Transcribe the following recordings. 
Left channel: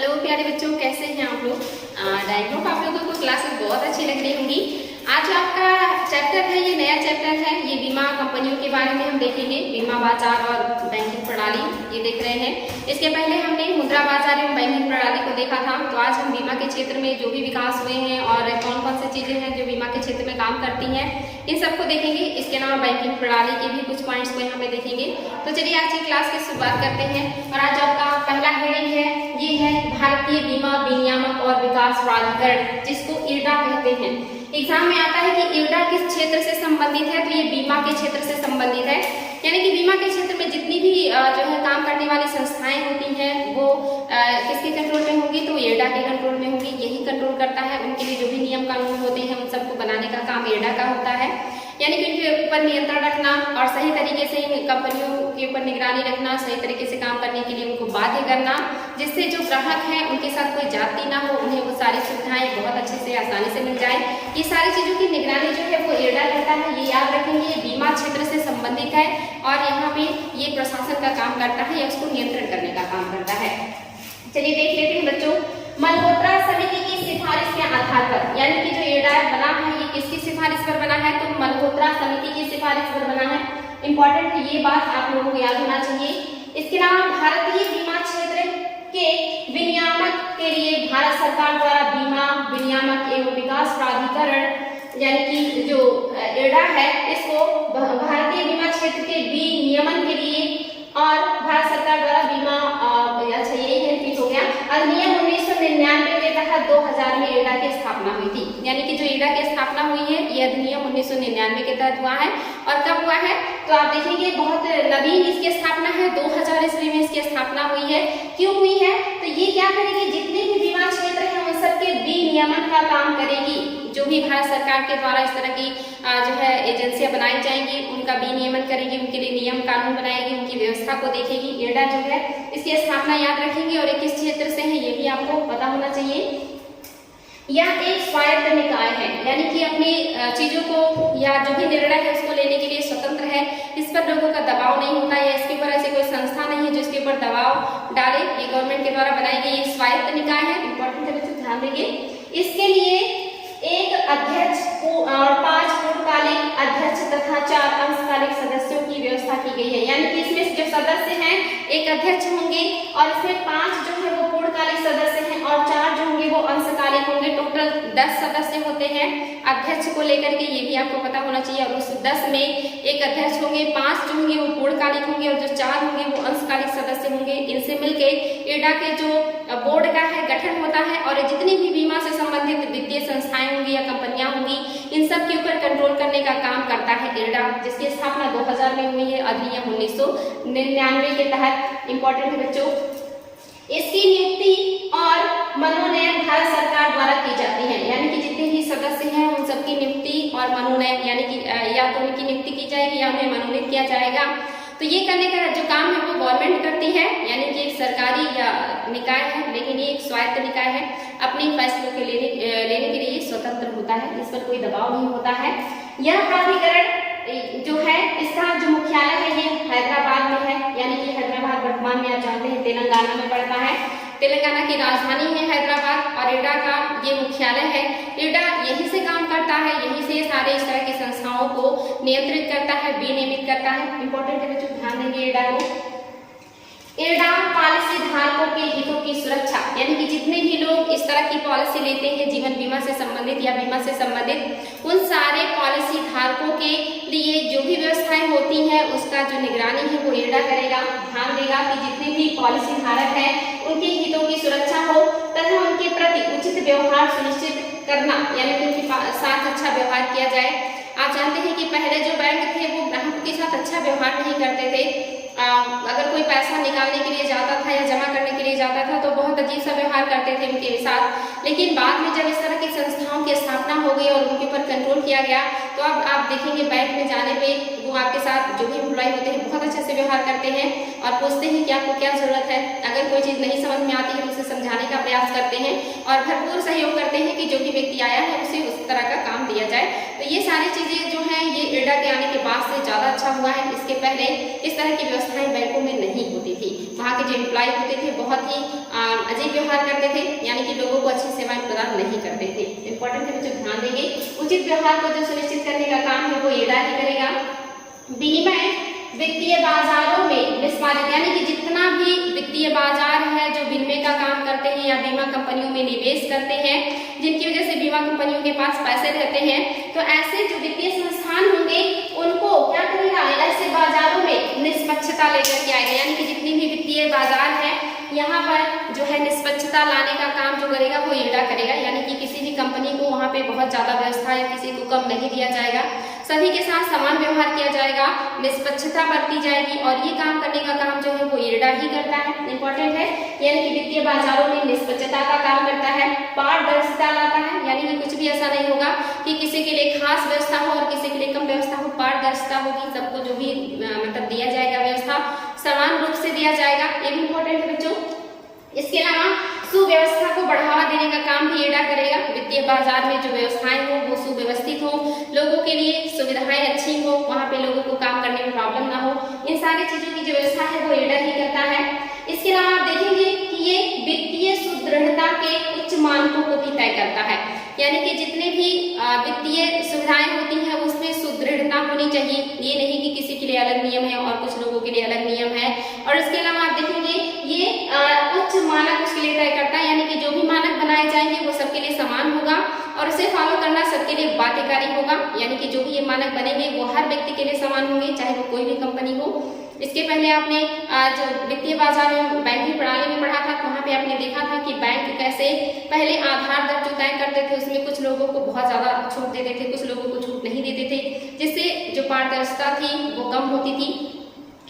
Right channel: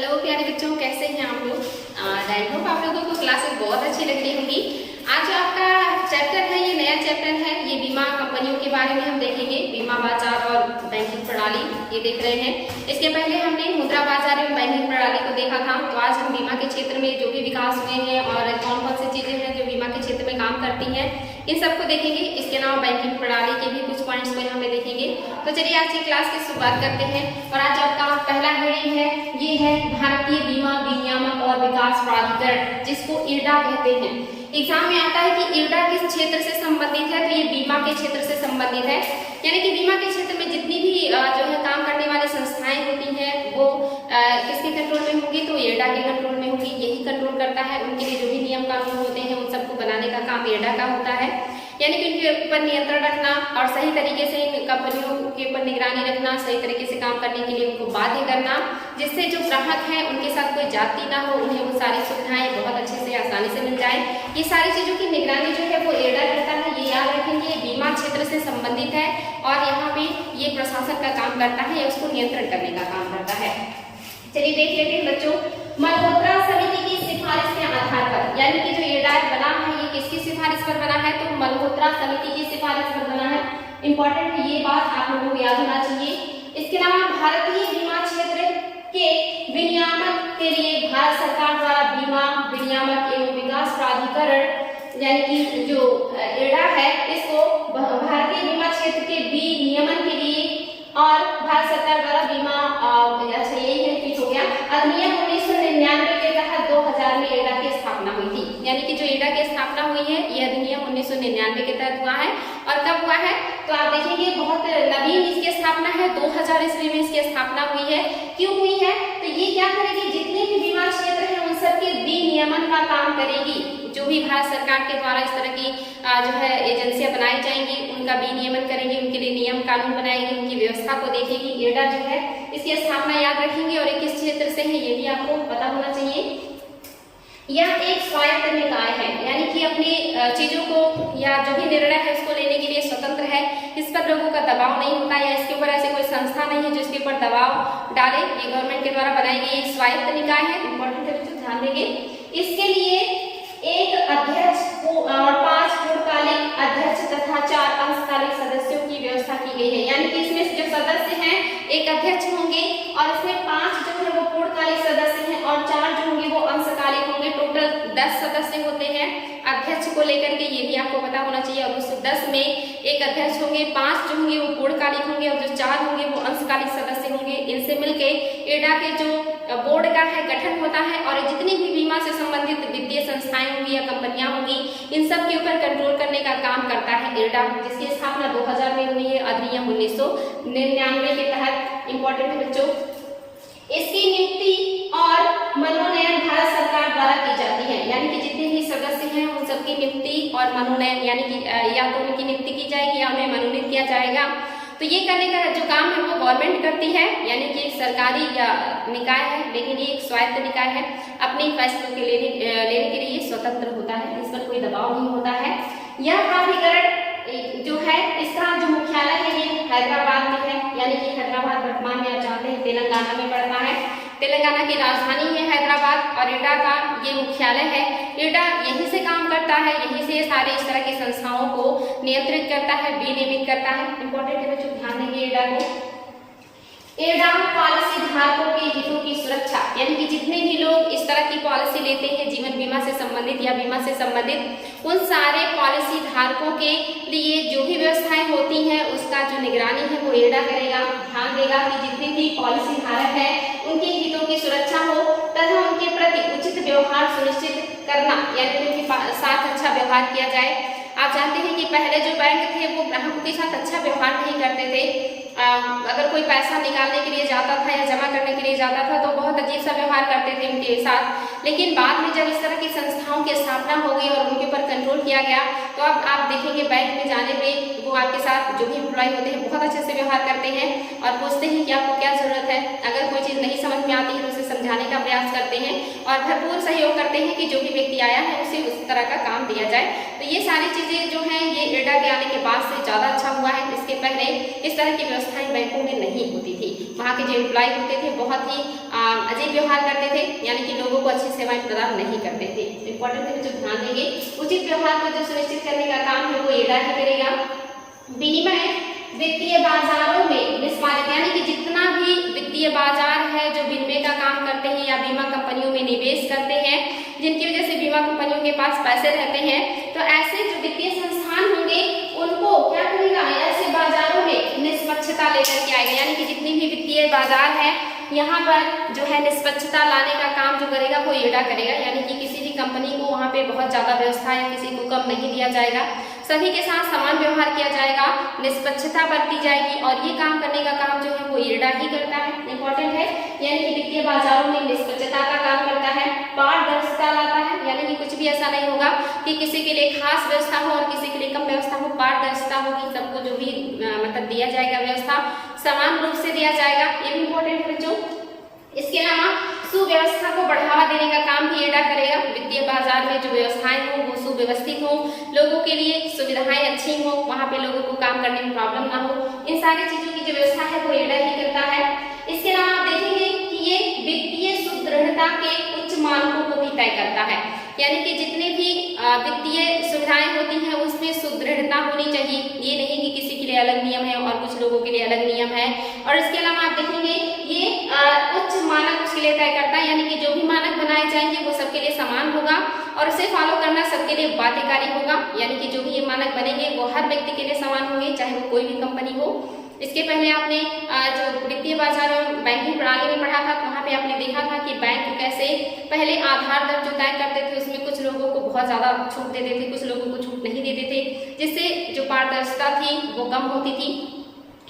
Hello प्यारे बच्चों, कैसे हैं आप लोग। आई होप आप लोगों को क्लासेस बहुत अच्छी लग रही होंगी। आज जो आपका चैप्टर है, ये नया चैप्टर है। ये बीमा कंपनियों के बारे में हम देखेंगे। बीमा बाजार और बैंकिंग प्रणाली ये देख रहे हैं। इसके पहले हमने मुद्रा बाजार एवं बैंकिंग प्रणाली को देखा था। तो आज हम बीमा के क्षेत्र में जो भी विकास हुए हैं और कौन कौन सी चीजें हैं जो बीमा के क्षेत्र में काम करती हैं, इन सबको देखेंगे। इसके अलावा बैंकिंग प्रणाली के भी कुछ पॉइंट्स को यहाँ पे देखेंगे। तो चलिए आज की क्लास की शुरुआत करते हैं। और आज आपका पहला हेडिंग है, ये है भारतीय बीमा विनियामक और विकास प्राधिकरण, जिसको IRDA कहते हैं। एग्जाम में आता है कि IRDA किस क्षेत्र से संबंधित है, तो ये बीमा के क्षेत्र से संबंधित है। यानी कि बीमा के क्षेत्र में जितनी भी जो है काम करने वाली संस्थाएं होती हैं वो किसके कंट्रोल में होंगी, तो IRDA के कंट्रोल में होंगी। यही कंट्रोल करता है। उनके लिए जो भी नियम कानून होते हैं उन सबको बनाने का काम IRDA का होता है। यानी कि उनके ऊपर नियंत्रण रखना और सही तरीके से इन कंपनियों के ऊपर निगरानी रखना, सही तरीके से काम करने के लिए उनको बाध्य करना, जिससे जो ग्राहक हैं उनके साथ कोई जाति ना हो, उन्हें वो सारी सुविधाएं बहुत अच्छे से आसानी से मिल जाए। ये सारी चीजों की निगरानी जो है वो IRDA करता है। ये याद रखेंगे, ये बीमा क्षेत्र से संबंधित है और यहाँ पे ये प्रशासन का काम करता है या उसको नियंत्रण करने का काम करता है। चलिए देख लेते हैं बच्चों। मल्होत्रा समिति की सिफारिश के आधार पर, यानी कि जो IRDA बना है ये किसकी सिफारिश पर बना है, तो मल्होत्रा समिति की सिफारिश पर बना है। इंपॉर्टेंट है, ये बात आप लोगों को याद होना चाहिए। इसके अलावा भारतीय बीमा क्षेत्र के विनियामक के लिए भारत सरकार द्वारा बीमा विनियामक एवं विकास प्राधिकरण, यानी कि जो IRDA है, इसको भारतीय बीमा क्षेत्र के विनियमन के लिए और भारत सरकार द्वारा बीमा अच्छा यही है, रिपीट हो गया। अधिनियम 1999 के तहत 2000 में IRDA की स्थापना हुई थी। यानी कि जो IRDA की स्थापना हुई है ये अधिनियम 1999 के तहत हुआ है। और कब हुआ है, तो आप देखेंगे बहुत नवीन इसकी स्थापना है, 2000 ईस्वी में इसकी स्थापना हुई है। क्यों हुई है, तो ये क्या करेगी, जितने भी बीमा क्षेत्र हैं उन सबके विनियमन का काम करेगी। जो भी भारत सरकार के द्वारा इस तरह की जो है एजेंसियां बनाई जाएंगी उनका विनियमन करेंगी, उनके लिए नियम कानून बनाएगी, उनकी व्यवस्था को देखेगी। IRDA जो है इसकी स्थापना याद रखेंगे और किस क्षेत्र से है ये भी आपको पता होना चाहिए। यह एक स्वायत्त निकाय है, यानी कि अपनी चीजों को या जो भी निर्णय है उसको लेने के लिए स्वतंत्र है। इस पर लोगों का दबाव नहीं होता या इसके ऊपर ऐसी कोई संस्था नहीं है जो इसके ऊपर दबाव डाले। ये गवर्नमेंट के द्वारा बनाई गई स्वायत्त निकाय है। इंपॉर्टेंट है बच्चों, ध्यान देंगे। इसके लिए एक अध्यक्ष और 5 पूर्णकालिक अध्यक्ष तथा 4 अंशकालिक सदस्यों की व्यवस्था की गई है। यानी कि इसमें जो सदस्य हैं, एक अध्यक्ष होंगे और इसमें 5 जो है वो पूर्णकालिक सदस्य हैं और 4 जो होंगे वो अंशकालिक होंगे। टोटल 10 सदस्य होते हैं अध्यक्ष को लेकर के, ये भी आपको पता होना चाहिए। और उस 10 में एक अध्यक्ष होंगे, 5 जो होंगे वो पूर्णकालिक होंगे और जो 4 होंगे वो अंशकालिक सदस्य होंगे। इनसे मिलके IRDA के जो बोर्ड का है गठन होता है और जितनी भी बीमा से संबंधित वित्तीय संस्थाएं होंगी या कंपनियां होंगी इन सब के ऊपर कंट्रोल करने का काम करता है IRDA, जिसकी स्थापना 2000 में हुई है अधिनियम 1999 के तहत। इंपॉर्टेंट है बच्चों। इसकी नियुक्ति और मनोनयन भारत सरकार द्वारा की जाती है। यानी कि जितने भी सदस्य हैं उन सबकी नियुक्ति और मनोनयन, यानी कि या तो उनकी नियुक्ति की जाएगी या उन्हें मनोनीत किया जाएगा। तो ये करने का जो काम है वो गवर्नमेंट करती है, यानी कि एक सरकारी या निकाय है, लेकिन ये एक स्वायत्त निकाय है। अपने फैसलों के लेने के लिए ये स्वतंत्र होता है, इस पर कोई दबाव नहीं होता है। यह प्राधिकरण जो है इसका जो मुख्यालय है ये हैदराबाद में है। यानी कि हैदराबाद वर्तमान में आप जानते हैं तेलंगाना में पड़ता है। तेलंगाना की राजधानी है हैदराबाद और IRDA का ये मुख्यालय है। IRDA यहीं से काम करता है, यहीं से सारे इस तरह की संस्थाओं को नियंत्रित करता है, विनियमित करता है। इंपॉर्टेंट है बच्चों, ध्यान देंगे IRDA को। IRDA पॉलिसी धारकों के हितों की सुरक्षा, यानी कि जितने भी लोग इस तरह की पॉलिसी लेते हैं जीवन बीमा से संबंधित या बीमा से संबंधित, उन सारे पॉलिसी धारकों के लिए जो भी व्यवस्थाएं होती हैं उसका जो निगरानी है वो IRDA करेगा। ध्यान देगा कि जितने भी पॉलिसी धारक है उनके हितों की सुरक्षा हो तथा उनके प्रति उचित व्यवहार सुनिश्चित करना, यानी कि उनके साथ अच्छा व्यवहार किया जाए। आप जानते हैं कि पहले जो बैंक थे वो ग्राहकों के साथ अच्छा व्यवहार नहीं करते थे। अगर कोई पैसा निकालने के लिए जाता था या जमा करने के लिए जाता था तो बहुत अजीब सा व्यवहार करते थे उनके साथ। लेकिन बाद में जब इस तरह की संस्थाओं की स्थापना हो गई और उनके ऊपर कंट्रोल किया गया तो अब आप देखेंगे बैंक में जाने पे वो आपके साथ जो भी एम्प्लॉय होते हैं बहुत अच्छे से व्यवहार करते हैं और पूछते हैं कि आपको क्या जरूरत है। अगर कोई चीज नहीं समझ में आती है तो उसे समझाने का प्रयास करते हैं और भरपूर सहयोग करते हैं कि जो भी व्यक्ति आया है उसे उस तरह का काम दिया जाए। तो ये सारी चीजें जो है ये इरडा के आने के बाद से ज्यादा अच्छा हुआ है। इसके पहले इस तरह की व्यवस्थाएं बैंकों में नहीं होती थी। वहाँ के जो एम्प्लॉय होते थे बहुत ही अजीब व्यवहार करते थे, यानी कि लोगों को अच्छी सेवाएं प्रदान नहीं करते थे। इंपॉर्टेंट है बच्चों, ध्यान देंगे। उचित व्यवहार को जो सुनिश्चित करने का काम है वो इरडा ही करेगा। विनिमय वित्तीय बाजारों में निष्पादित, यानी कि जितना भी वित्तीय बाजार है जो विनिमय का काम करते हैं या बीमा कंपनियों में निवेश करते हैं, जिनकी वजह से बीमा कंपनियों के पास पैसे रहते हैं, तो ऐसे जो वित्तीय संस्थान होंगे उनको क्या करेगा, ऐसे बाजारों में निष्पक्षता लेकर के आएगा। यानी कि जितनी भी वित्तीय बाजार है यहाँ पर जो है निष्पक्षता लाने का काम जो करेगा वो इरडा करेगा। यानी कि किसी भी कंपनी को वहाँ पे बहुत ज्यादा व्यवस्था या किसी को कम नहीं दिया जाएगा, सभी के साथ समान व्यवहार किया जाएगा, निष्पक्षता बरती जाएगी और ये काम करने का काम जो है वो इरडा ही करता है। इंपॉर्टेंट है, यानी कि वित्तीय बाजारों में निष्पक्षता का काम करता है, पारदर्शिता लाता है। यानी कि कुछ भी ऐसा नहीं होगा कि किसी के लिए खास व्यवस्था हो और किसी के लिए कम व्यवस्था हो, पारदर्शिता होगी, सबको जो भी मतलब दिया जाएगा व्यवस्था समान रूप से दिया जाएगा। ये भी इंपॉर्टेंट है बच्चों। इसके अलावा सुव्यवस्था को बढ़ावा देने का काम भी इरडा करेगा। वित्तीय बाजार में जो व्यवस्थाएं हो वो सुव्यवस्थित हो, लोगों के लिए सुविधाएं अच्छी हो, वहाँ पे लोगों को काम करने में प्रॉब्लम ना हो, इन सारी चीजों की जो व्यवस्था है वो इरडा ही करता है। इसके अलावा आप देखेंगे कि ये वित्तीय सुदृढ़ता के उच्च मानकों को भी तय करता है। यानी कि जितने भी वित्तीय सुविधाएं होती हैं उसमें सुदृढ़ता होनी चाहिए। ये नहीं कि किसी के लिए अलग नियम है और कुछ लोगों के लिए अलग नियम है। और इसके अलावा आप देखेंगे ये उच्च मानक उसके लिए तय करता है। यानी कि जो भी मानक बनाए जाएंगे वो सबके लिए समान होगा और उसे फॉलो करना सबके लिए बाध्यकारी होगा। यानी कि जो भी ये मानक बनेंगे वो हर व्यक्ति के लिए समान होंगे, चाहे वो कोई भी कंपनी हो। इसके पहले आपने जो वित्तीय बाजार और बैंकिंग प्रणाली में पढ़ा था, वहाँ पे आपने देखा था कि बैंक कैसे पहले आधार दर जो तय करते थे उसमें कुछ लोगों को बहुत ज्यादा छूट देते थे, कुछ लोगों को छूट नहीं देते थे, जिससे जो पारदर्शिता थी वो कम होती थी।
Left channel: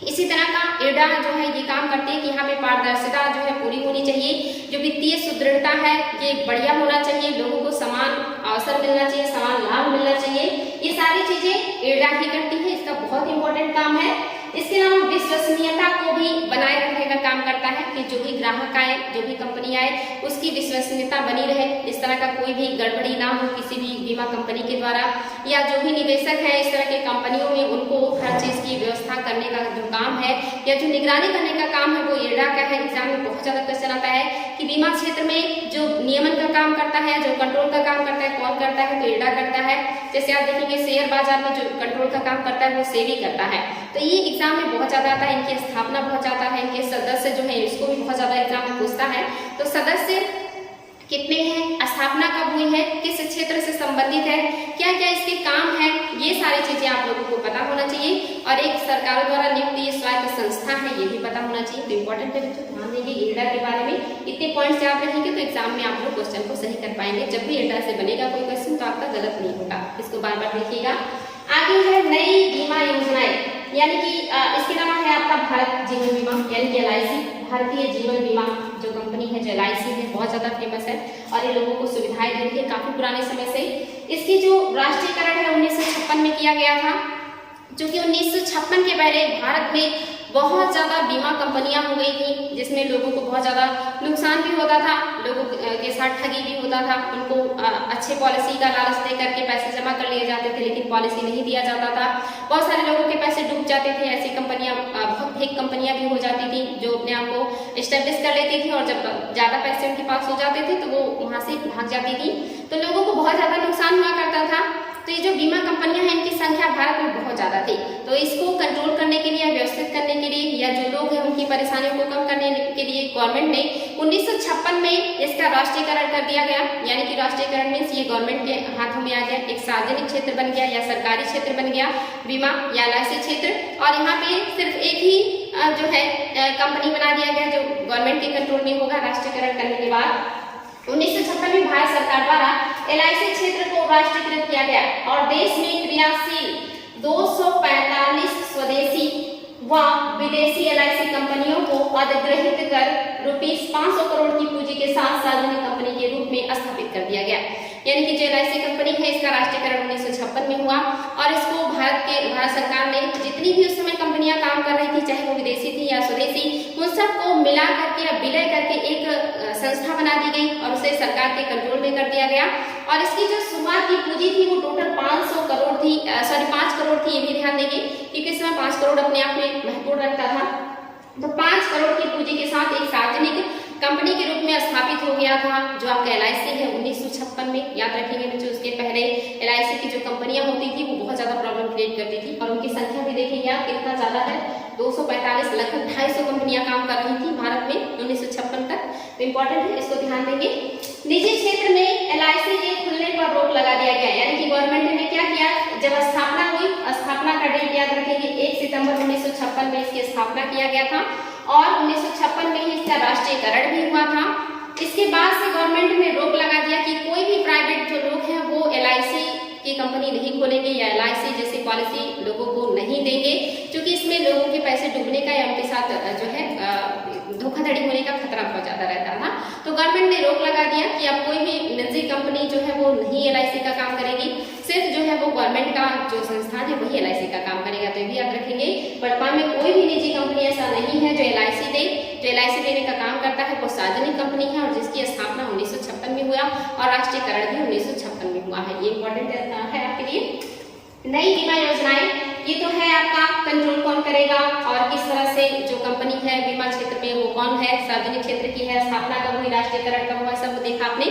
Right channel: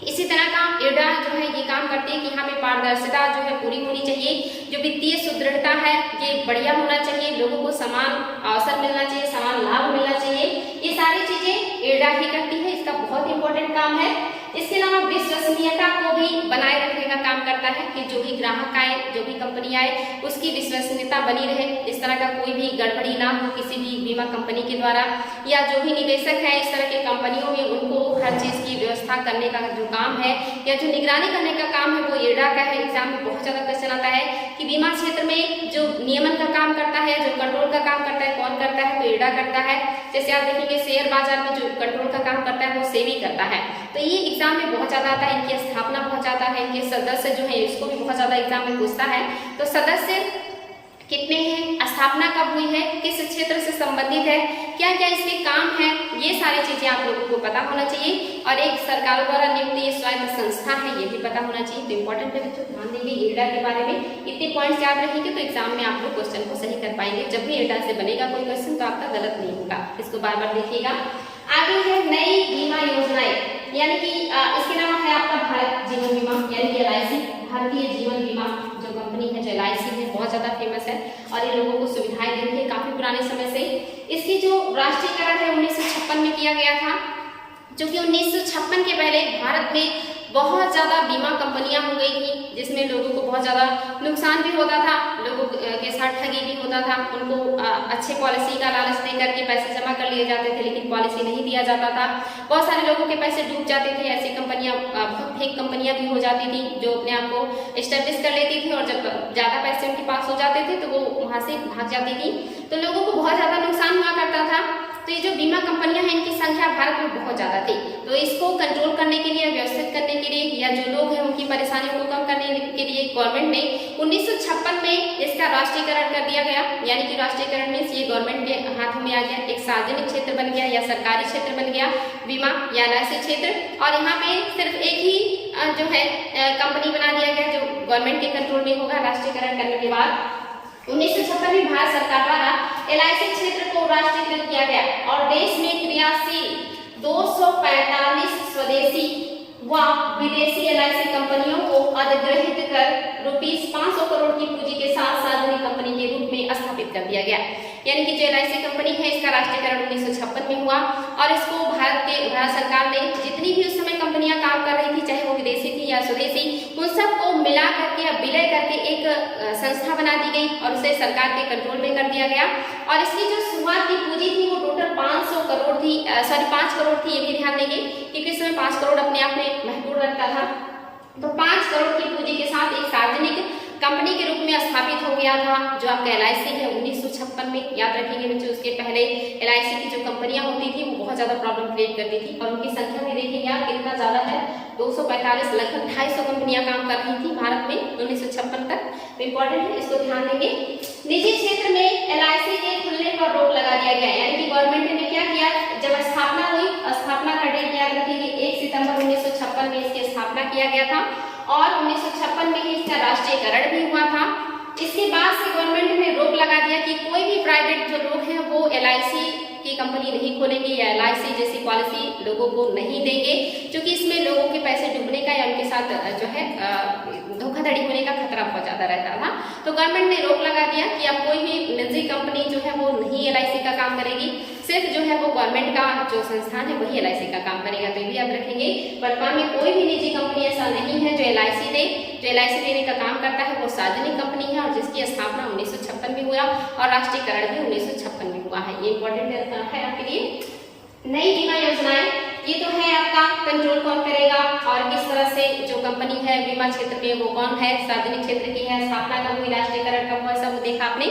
इसी तरह का इरडा जो है ये काम करती है कि यहाँ पे पारदर्शिता जो है पूरी होनी चाहिए, जो वित्तीय सुदृढ़ता है ये बढ़िया होना चाहिए, लोगों को समान अवसर मिलना चाहिए, समान लाभ मिलना चाहिए। ये सारी चीजें इरडा ही करती है, इसका बहुत इंपॉर्टेंट काम है। इसके अलावा विश्वसनीयता को भी बनाए रखने का काम करता है कि जो भी ग्राहक आए, जो भी कंपनी आए, उसकी विश्वसनीयता बनी रहे, इस तरह का कोई भी गड़बड़ी ना हो किसी भी बीमा कंपनी के द्वारा, या जो भी निवेशक है इस तरह के कंपनियों में उनको हर चीज की व्यवस्था करने का जो काम है या जो निगरानी करने का काम है वो इरडा का है। एग्जाम में बहुत ज्यादा क्वेश्चन आता है कि बीमा क्षेत्र में जो नियमन का काम करता है, जो कंट्रोल का काम करता है, कौन करता है, तो इरडा करता है। जैसे आप देखेंगे शेयर बाजार में जो कंट्रोल का काम करता है वो सेबी करता है। तो ये एग्जाम में बहुत ज्यादा आता है, इनकी स्थापना बहुत ज्यादा है, इनके सदस्य जो है इसको भी बहुत ज्यादा एग्जाम में पूछता है। तो सदस्य कितने हैं, स्थापना कब हुई है, किस क्षेत्र से संबंधित है, क्या क्या इसके काम है, ये सारी चीजें आप लोगों को पता होना चाहिए। और एक सरकारों द्वारा नियुक्त ये स्वायत्त संस्था है ये भी पता होना चाहिए। तो इंपॉर्टेंट है बच्चों, ध्यान देंगे इरडा के बारे में। इतने पॉइंट्स याद रखेंगे तो एग्जाम में आप लोग क्वेश्चन को सही कर पाएंगे। जब भी इरडा से बनेगा कोई क्वेश्चन तो आपका गलत नहीं होगा, इसको बार बार देखिएगा। आगे है नई बीमा योजनाएं, यानी कि इसके नाम है आपका भारत जीवन बीमा यानी कि LIC, भारतीय जीवन बीमा जो कंपनी है जो LIC है बहुत ज्यादा फेमस है और ये लोगों को सुविधाएं देती है काफी पुराने समय से। इसकी जो राष्ट्रीयकरण है 1956 में किया गया था, जो कि 1956 के पहले भारत में बहुत ज्यादा बीमा कंपनियां हो गई थी, जिसमें लोगों को बहुत ज्यादा नुकसान भी होता था, लोगों के साथ ठगी भी होता था, उनको अच्छे पॉलिसी का लालच दे करके पैसे जमा कर लिए जाते थे लेकिन पॉलिसी नहीं दिया जाता था। बहुत सारे लोगों के पैसे डूब जाते थे। ऐसी कंपनियां बहुत फेक कंपनियां भी हो जाती थी जो अपने आप को एस्टेब्लिश कर लेती थी और जब ज्यादा पैसे उनके पास हो जाते थे तो वो वहां से भाग जाती थी। तो लोगों को बहुत ज्यादा नुकसान हुआ करता था। तो ये जो बीमा कंपनियां हैं इनकी संख्या भारत में बहुत ज्यादा थी। तो इसको कंट्रोल करने के लिए, व्यवस्थित करने के लिए या जो लोग हैं उनकी परेशानियों को कम करने के लिए गवर्नमेंट ने 1956 में इसका राष्ट्रीयकरण कर दिया गया। यानी कि राष्ट्रीयकरण मीन्स ये गवर्नमेंट के हाथों में आ गया, एक सार्वजनिक क्षेत्र बन गया या सरकारी क्षेत्र बन गया बीमा या LIC क्षेत्र। और यहाँ पे सिर्फ एक ही जो है कंपनी बना दिया गया जो गवर्नमेंट के कंट्रोल में होगा राष्ट्रीयकरण करने के बाद। 1956 में भारत सरकार द्वारा LIC क्षेत्र को राष्ट्रीयकृत किया गया और देश में क्रियाशील 245 स्वदेशी व विदेशी LIC कंपनियों को अधिग्रहित कर ₹500 करोड़ की पूंजी के साथ सार्वजनिक कंपनी के रूप में स्थापित कर दिया गया। यानी कि जो LIC कंपनी है इसका राष्ट्रीयकरण 1956 में हुआ और इसको भारत सरकार ने जितनी भी उस समय कंपनियां काम कर रही थी, चाहे वो विदेशी थी या स्वदेशी, उन सबको मिला करके या विलय करके एक संस्था बना दी गई और उसे सरकार के कंट्रोल में कर दिया गया। और इसकी जो शुरुआत की पूंजी थी वो टोटल 500 करोड़ थी, 5 करोड़ थी, ये भी ध्यान देंगे क्योंकि इसमें 5 करोड़ अपने आप में महत्वपूर्ण रखता था। तो 5 करोड़ की पूंजी के साथ एक सार्वजनिक कंपनी के रूप में स्थापित हो गया था जो आपका LIC है 1956 में। याद रखेंगे बच्चों, उसके पहले LIC की जो कंपनियां होती थी वो बहुत ज्यादा प्रॉब्लम क्रिएट करती थी और उनकी संख्या भी देखेंगे आप कितना ज्यादा है, 245 लगभग 250 कंपनियां काम कर रही थी भारत में 1956 तक। तो इंपॉर्टेंट है, इसको ध्यान देंगे। निजी क्षेत्र में LIC के खुलने पर रोक लगा दिया गया, यानी कि गवर्नमेंट ने क्या किया, जब स्थापना हुई, स्थापना का डेट याद रखेंगे 1 सितंबर 1956 में इसकी स्थापना किया गया था और 1956 में ही इसका राष्ट्रीयकरण भी हुआ था। इसके बाद से गवर्नमेंट ने रोक लगा दिया कि कोई भी प्राइवेट जो लोग हैं वो LIC की कंपनी नहीं खोलेंगे या LIC जैसी पॉलिसी लोगों को नहीं देंगे, क्योंकि इसमें लोगों के पैसे डूबने का या उनके साथ जो है धोखाधड़ी होने का खतरा बहुत ज्यादा रहता था। तो गवर्नमेंट ने रोक लगा दिया कि अब कोई भी निजी कंपनी जो है वो नहीं LIC का काम करेगी, सिर्फ जो है वो गवर्नमेंट का जो संस्थान है वही LIC का काम करेगा। तो ये भी याद रखेंगे, वर्तमान में कोई भी निजी कंपनी ऐसा नहीं है जो LIC दे। जो LIC देने का काम करता है वो सार्वजनिक कंपनी है और जिसकी स्थापना 1956 में हुआ और राष्ट्रीयकरण भी 1956 में हुआ है। ये इंपॉर्टेंट है आपके लिए। नई बीमा योजनाएं, ये तो है आपका कंट्रोल कौन करेगा और किस तरह से जो कंपनी है बीमा क्षेत्र में वो कौन है, सार्वजनिक क्षेत्र की है, स्थापना कब हुई, राष्ट्रीयकरण कब हुआ, सब देखा आपने।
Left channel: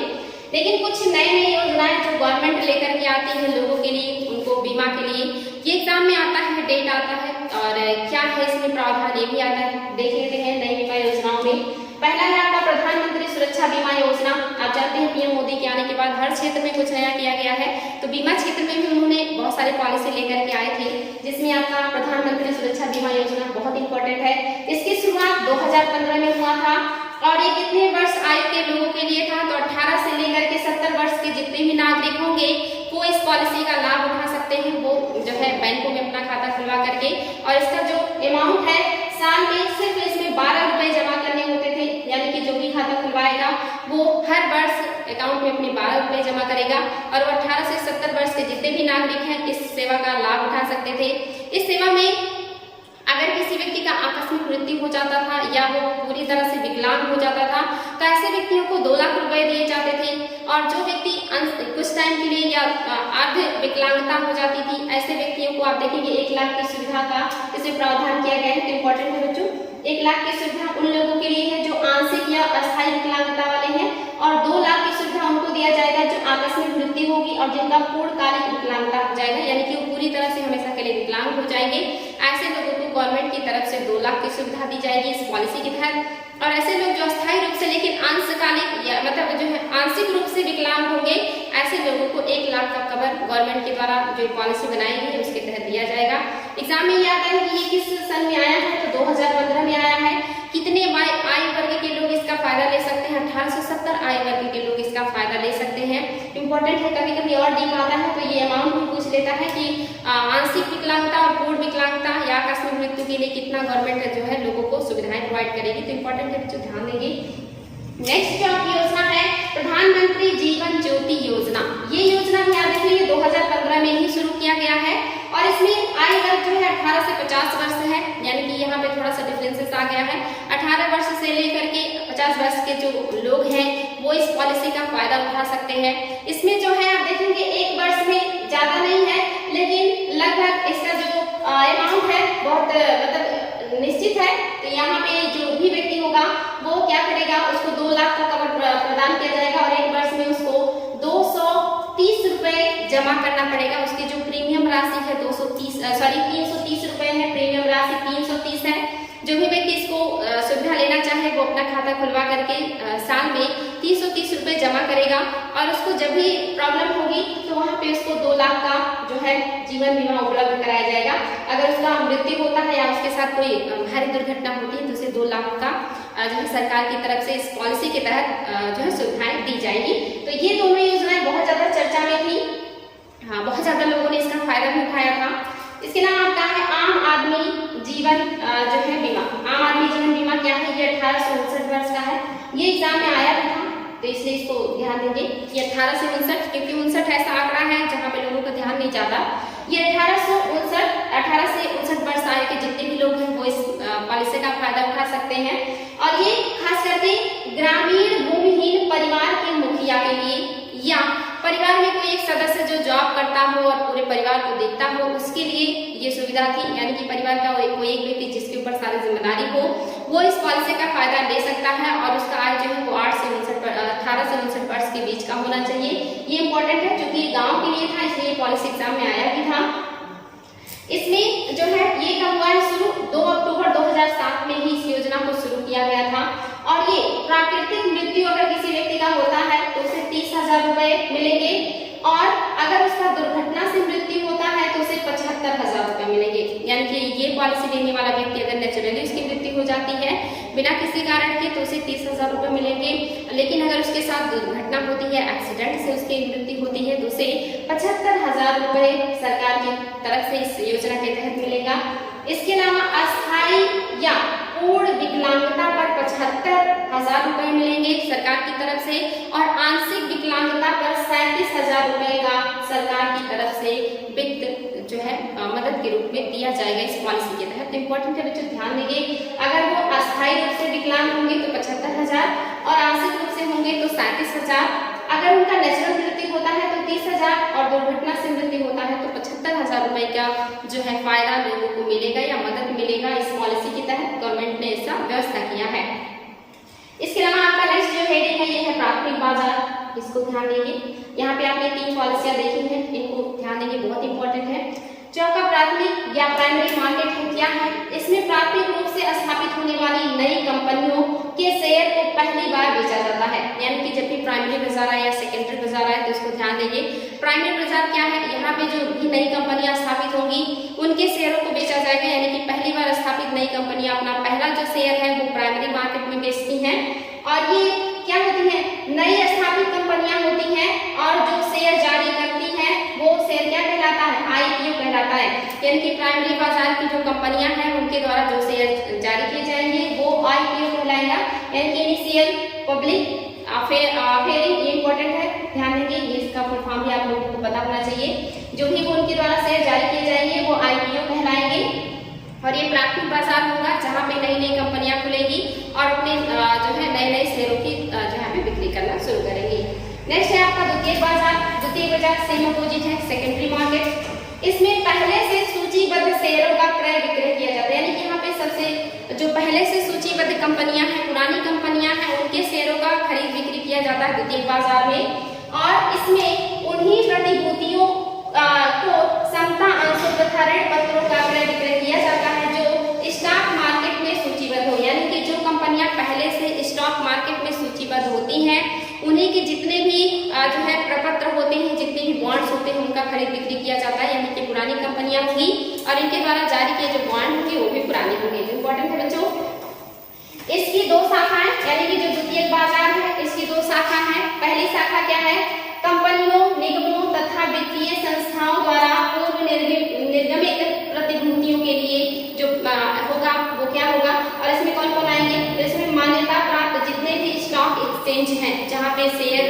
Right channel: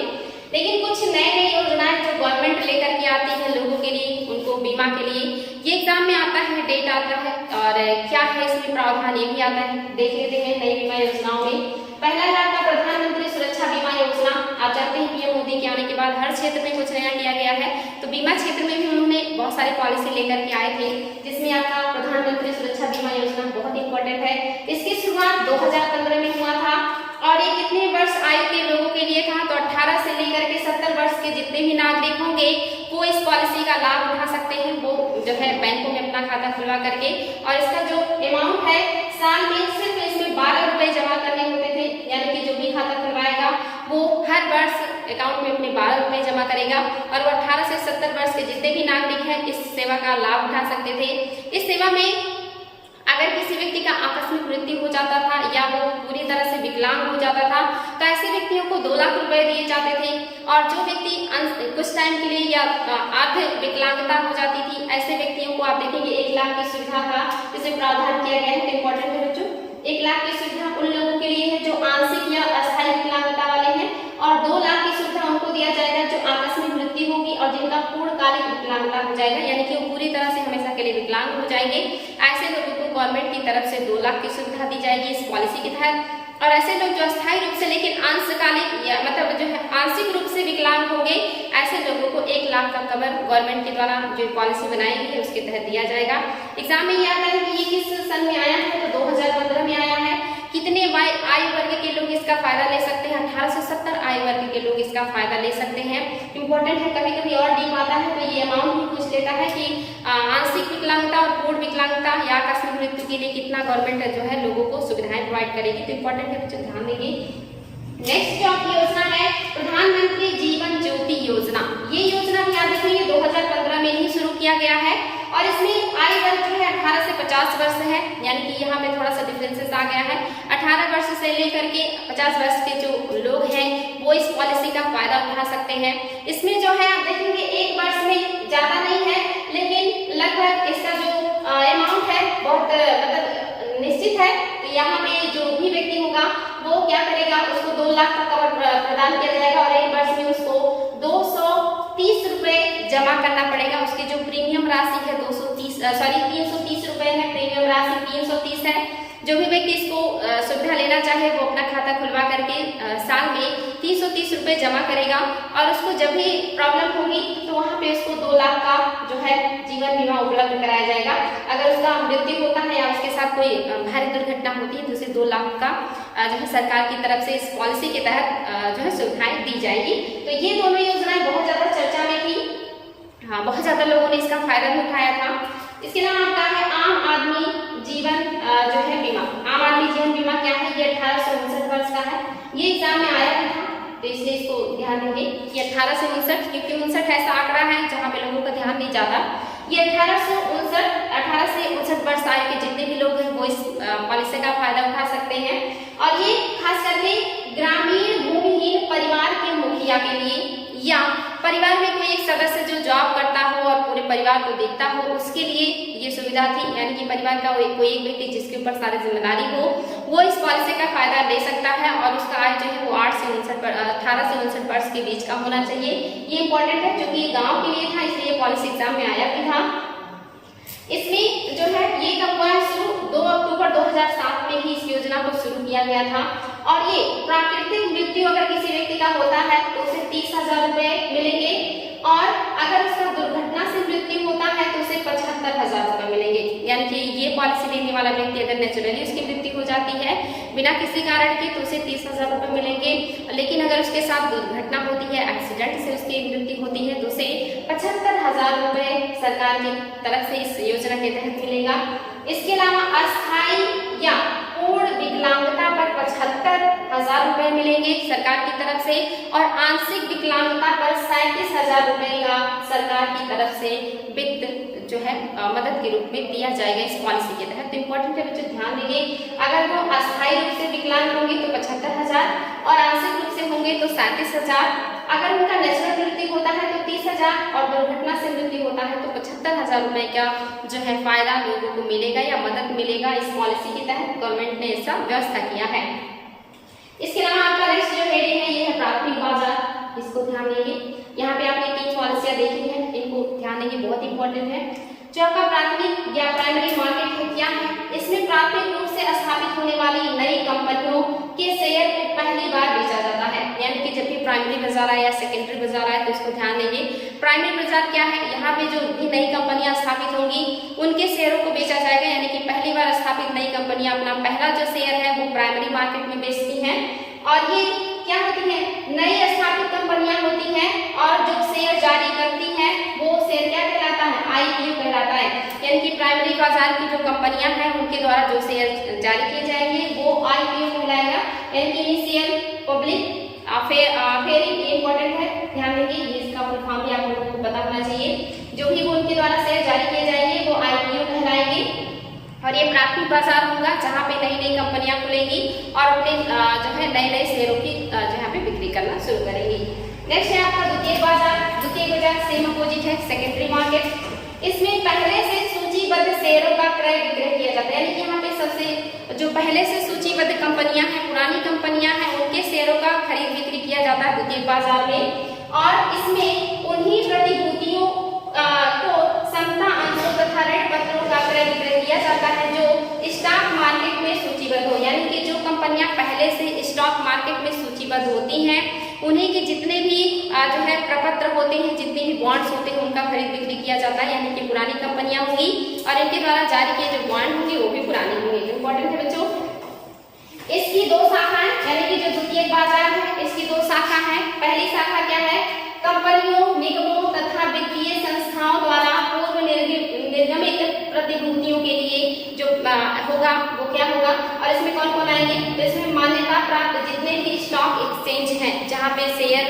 लेकिन कुछ नई योजनाएं जो गवर्नमेंट लेकर के आती है लोगों के लिए, उनको बीमा के लिए, ये एग्जाम में आता है, डेट आता है और क्या है इसमें प्रावधान ये भी आता है। देख लेते हैं नई बीमा योजनाओं में। पहला है आपका प्रधानमंत्री सुरक्षा बीमा योजना। आप जानते हैं PM मोदी के आने के बाद हर क्षेत्र में कुछ नया किया गया है, तो बीमा क्षेत्र में भी उन्होंने बहुत सारी पॉलिसी लेकर के आए थे, जिसमें आपका प्रधानमंत्री सुरक्षा बीमा योजना बहुत इंपॉर्टेंट है। इसकी शुरुआत 2015 में हुआ था और ये कितने वर्ष आयु के लोगों के लिए था, तो 18 से लेकर के 70 वर्ष के जितने भी नागरिक होंगे वो इस पॉलिसी का लाभ उठा सकते हैं। वो जो है बैंकों में अपना खाता खुलवा करके, और इसका जो अमाउंट है साल में सिर्फ इसमें 12 रुपए जमा करने होते थे, यानी कि जो भी खाता खुलवाएगा वो हर वर्ष अकाउंट में अपने 12 रुपए जमा करेगा और वो 18 से 70 वर्ष के जितने भी नागरिक हैं इस सेवा का लाभ उठा सकते थे। इस सेवा में अगर किसी व्यक्ति का आकस्मिक मृत्यु हो जाता था या वो पूरी तरह से विकलांग हो जाता था तो ऐसे व्यक्तियों को 2 लाख रुपए दिए जाते थे, और जो व्यक्ति कुछ टाइम के लिए या अर्ध विकलांगता हो जाती थी ऐसे व्यक्तियों को आप देखेंगे 1 लाख की सुविधा का इसमें प्रावधान किया गया है। तो इंपॉर्टेंट है बच्चों, 1 लाख की सुविधा उन लोगों के लिए है जो आंशिक या अस्थायी विकलांगता वाले हैं, और 2 लाख की सुविधा उनको दिया जाएगा जो आकस्मिक मृत्यु होगी और जिनका पूर्णकालिक विकलांगता हो जाएगा, यानी कि वो पूरी तरह से हमेशा के लिए विकलांग हो जाएंगे। ऐसे लोगों को गवर्नमेंट की तरफ से 2 लाख की सुविधा दी जाएगी इस पॉलिसी के तहत। और ऐसे लोग जो अस्थायी रूप से लेकिन अंशकालिक या मतलब जो है आंशिक रूप से विकलांग होंगे ऐसे लोगों को 1 लाख का कवर गवर्नमेंट के द्वारा जो पॉलिसी बनाई गई है उसके तहत दिया जाएगा। एग्जाम में ये आता है कि ये किस सन में आया है, तो 2015 में आया है। कितने आयु वर्ग के लोग इसका फायदा ले सकते हैं, 18 से 70 आयु वर्ग के लोग इसका फायदा ले सकते हैं। इंपॉर्टेंट है, कभी कभी और डीप आता है तो ये अमाउंट भी पूछ लेता है कि आंशिक विकलांगता और पूर्ण विकलांगता या आकस्मिक मृत्यु के लिए कितना गवर्नमेंट जो है लोगों को सुविधाएं प्रोवाइड करेगी। तो इंपॉर्टेंट है बच्चों, ध्यान देंगे। नेक्स्ट जो आपकी योजना है प्रधानमंत्री जीवन ज्योति योजना। ये योजना भी याद रखिए 2015 में ही शुरू किया गया है और इसमें आयु वर्ग जो है 18 से 50 वर्ष है, यानी कि यहाँ पे थोड़ा सा डिफरेंसेस आ गया है। 18 वर्ष से लेकर के 50 वर्ष के जो लोग हैं वो इस पॉलिसी का फायदा उठा सकते हैं। इसमें जो है आप देखेंगे 1 वर्ष में ज्यादा नहीं है, लेकिन लगभग इसका जो अमाउंट है बहुत मतलब निश्चित है। तो यहाँ पे जो भी व्यक्ति होगा वो क्या करेगा, उसको 2 लाख का कवर प्रदान किया जाएगा और 1 वर्ष में उसको 230 रुपए जमा करना पड़ेगा। उसकी जो प्रीमियम राशि है 330 रुपए है, प्रीमियम राशि 330 है। जो भी व्यक्ति इसको सुविधा लेना चाहे वो अपना खाता खुलवा करके साल में 330 रुपए जमा करेगा और उसको जब भी प्रॉब्लम होगी तो वहाँ पे उसको 2 लाख का जो है जीवन बीमा उपलब्ध कराया जाएगा। अगर उसका मृत्यु होता है या उसके साथ कोई भारी दुर्घटना होती है तो उसे 2 लाख का जो है सरकार की तरफ से इस पॉलिसी के तहत जो है सुविधाएं दी जाएगी। तो ये दोनों योजनाएं बहुत ज्यादा चर्चा में थी, हाँ बहुत ज्यादा लोगों ने इसका फायदा भी उठाया था। इसके अलावा आपका है आम आदमी जीवन जो है बीमा। आम आदमी जीवन बीमा क्या है, ये 1859 वर्ष का है। ये एग्जाम में आया भी था, तो इसलिए इसको ध्यान देंगे कि 18 से 59, क्योंकि 59 ऐसा आंकड़ा है जहाँ पे लोगों का ध्यान नहीं जाता। ये 18 से 59 वर्ष आयु के जितने भी लोग हैं वो इस पॉलिसी का फायदा उठा सकते हैं। और ये खास करके ग्रामीण भूमिहीन परिवार के मुखिया के लिए या परिवार में कोई एक सदस्य जो जॉब करता हो और पूरे परिवार को देखता हो उसके लिए ये सुविधा थी। यानी कि परिवार का कोई एक व्यक्ति जिसके ऊपर सारी जिम्मेदारी हो वो इस पॉलिसी का फायदा ले सकता है और उसका आय जो है वो 18 से 59 वर्ष के बीच का होना चाहिए। ये इंपॉर्टेंट है क्योंकि गाँव के लिए था, इसलिए पॉलिसी एग्जाम में आया भी था। इसमें जो है ये कब हुआ है शुरू, 2 अक्टूबर 2007 में ही इस योजना को शुरू किया गया था। और ये प्राकृतिक मृत्यु अगर किसी व्यक्ति का होता है तो उसे 30,000 रुपए मिलेंगे और अगर उसका दुर्घटना से मृत्यु होता है तो उसे 75,000 रुपए मिलेंगे। यानी कि ये पॉलिसी लेने वाला व्यक्ति अगर नेचुरली उसकी मृत्यु हो जाती है बिना किसी कारण के तो उसे 30,000 रुपए मिलेंगे, लेकिन अगर उसके साथ दुर्घटना होती है, एक्सीडेंट से उसकी मृत्यु होती है तो उसे 75,000 रुपए सरकार की तरफ से इस योजना के तहत मिलेगा। इसके अलावा अस्थायी या पूर्ण विकलांगता पर 75,000 रुपए मिलेंगे सरकार की तरफ से और आंशिक विकलांगता पर 37,000 रुपए का सरकार की तरफ से वित्त जो है मदद के रूप में दिया जाएगा इस पॉलिसी के तहत। इंपॉर्टेंट है बच्चों, ध्यान देंगे। अगर वो अस्थायी रूप से विकलांग होंगे तो 75,000 और आंशिक रूप से होंगे तो 37,000। अगर उनका नेचुरल मृत्यु होता है तो 30,000 और दुर्घटना से मृत्यु होता है तो 75,000 रुपए का जो है फायदा लोगों को मिलेगा या मदद मिलेगा। इस पॉलिसी के तहत गवर्नमेंट ने ऐसा व्यवस्था किया है। इसके अलावा आपका नेक्स्ट जो हेडिंग है ये है प्राथमिक बाजार, इसको ध्यान देंगे। यहाँ पे आपने 3 पॉलिसियां देखी हैं, इनको ध्यान देंगे, बहुत इंपॉर्टेंट है। जो आपका प्राथमिक या प्राइमरी मार्केट है क्या है, इसमें प्राथमिक रूप से स्थापित होने वाली नई कंपनियों के शेयर को पहली बार बेचा जाता है। यानी कि जब भी प्राइमरी बाजार आए या सेकेंडरी बाजार आए तो इसको ध्यान देंगे। प्राइमरी बाजार क्या है, यहाँ पे जो भी नई कंपनियां स्थापित होंगी उनके शेयरों को बेचा जाएगा। यानी कि पहली बार स्थापित नई कंपनियां अपना पहला जो शेयर है वो प्राइमरी मार्केट में बेचती हैं और ये क्या होती है, नई स्थापित कंपनियां होती हैं और जो शेयर जारी करती हैं वो शेयर क्या कहलाता है, आईपीओ कहलाता है। यानी कि प्राइमरी बाजार की जो कंपनियां हैं उनके द्वारा जो शेयर जारी किए जाएंगे वो आईपीओ कहलाएगा, यानी कि इनिशियल पब्लिक ऑफरिंग। ये इंपॉर्टेंट है, ध्यान देंगे, ये इसका फुल फॉर्म भी आप लोगों को पता होना चाहिए। जो भी वो उनके द्वारा शेयर जारी किए जाएंगे वो आईपीओ कहलाएंगे और ये प्राथमिक बाजार होगा जहाँ पे नई नई कंपनियां खुलेंगी और अपने जो है नए नए शेयरों की जहाँ पे बिक्री करना शुरू करेंगी। नेक्स्ट है आपका द्वितीयक बाजार। द्वितीयक बाजार सेम अपोजिट है सेकेंडरी मार्केट। इसमें पहले से सूचीबद्ध शेयरों का क्रय विक्रय किया जाता है। यानी कि यहाँ पे सबसे जो पहले से सूचीबद्ध कंपनियां हैं, पुरानी कंपनियां हैं, उनके शेयरों का खरीद बिक्री किया जाता है द्वितीयक बाजार में और इसमें उन्हीं प्रतिभूतियों को समता अंशों तथा ऋण पत्रों का क्रय विक्रय किया जाता है जो स्टॉक मार्केट में सूचीबद्ध हो। यानी कि जो कंपनियां पहले से स्टॉक मार्केट में सूचीबद्ध होती हैं उन्हीं के जितने भी जो है प्रपत्र होते हैं, जितने भी बॉन्ड्स होते हैं उनका खरीद बिक्री किया जाता है। यानी कि पुरानी कंपनियां होंगी और इनके द्वारा जारी किए जो बॉन्ड होंगे वो भी पुराने होंगे। तो इंपॉर्टेंट है बच्चों। इसकी 2 शाखाएं, यानी कि जो द्वितीयक बाजार है इसकी 2 शाखा है। पहली शाखा क्या है, कंपनियों, निगमों तथा वित्तीय संस्थाओं द्वारा पूर्व निर्गमित प्रतिभूतियों के लिए जो होगा वो क्या होगा और इसमें कौन कौन आएंगे, तो इसमें मान्यता प्राप्त जितने भी स्टॉक एक्सचेंज हैं जहाँ पे शेयर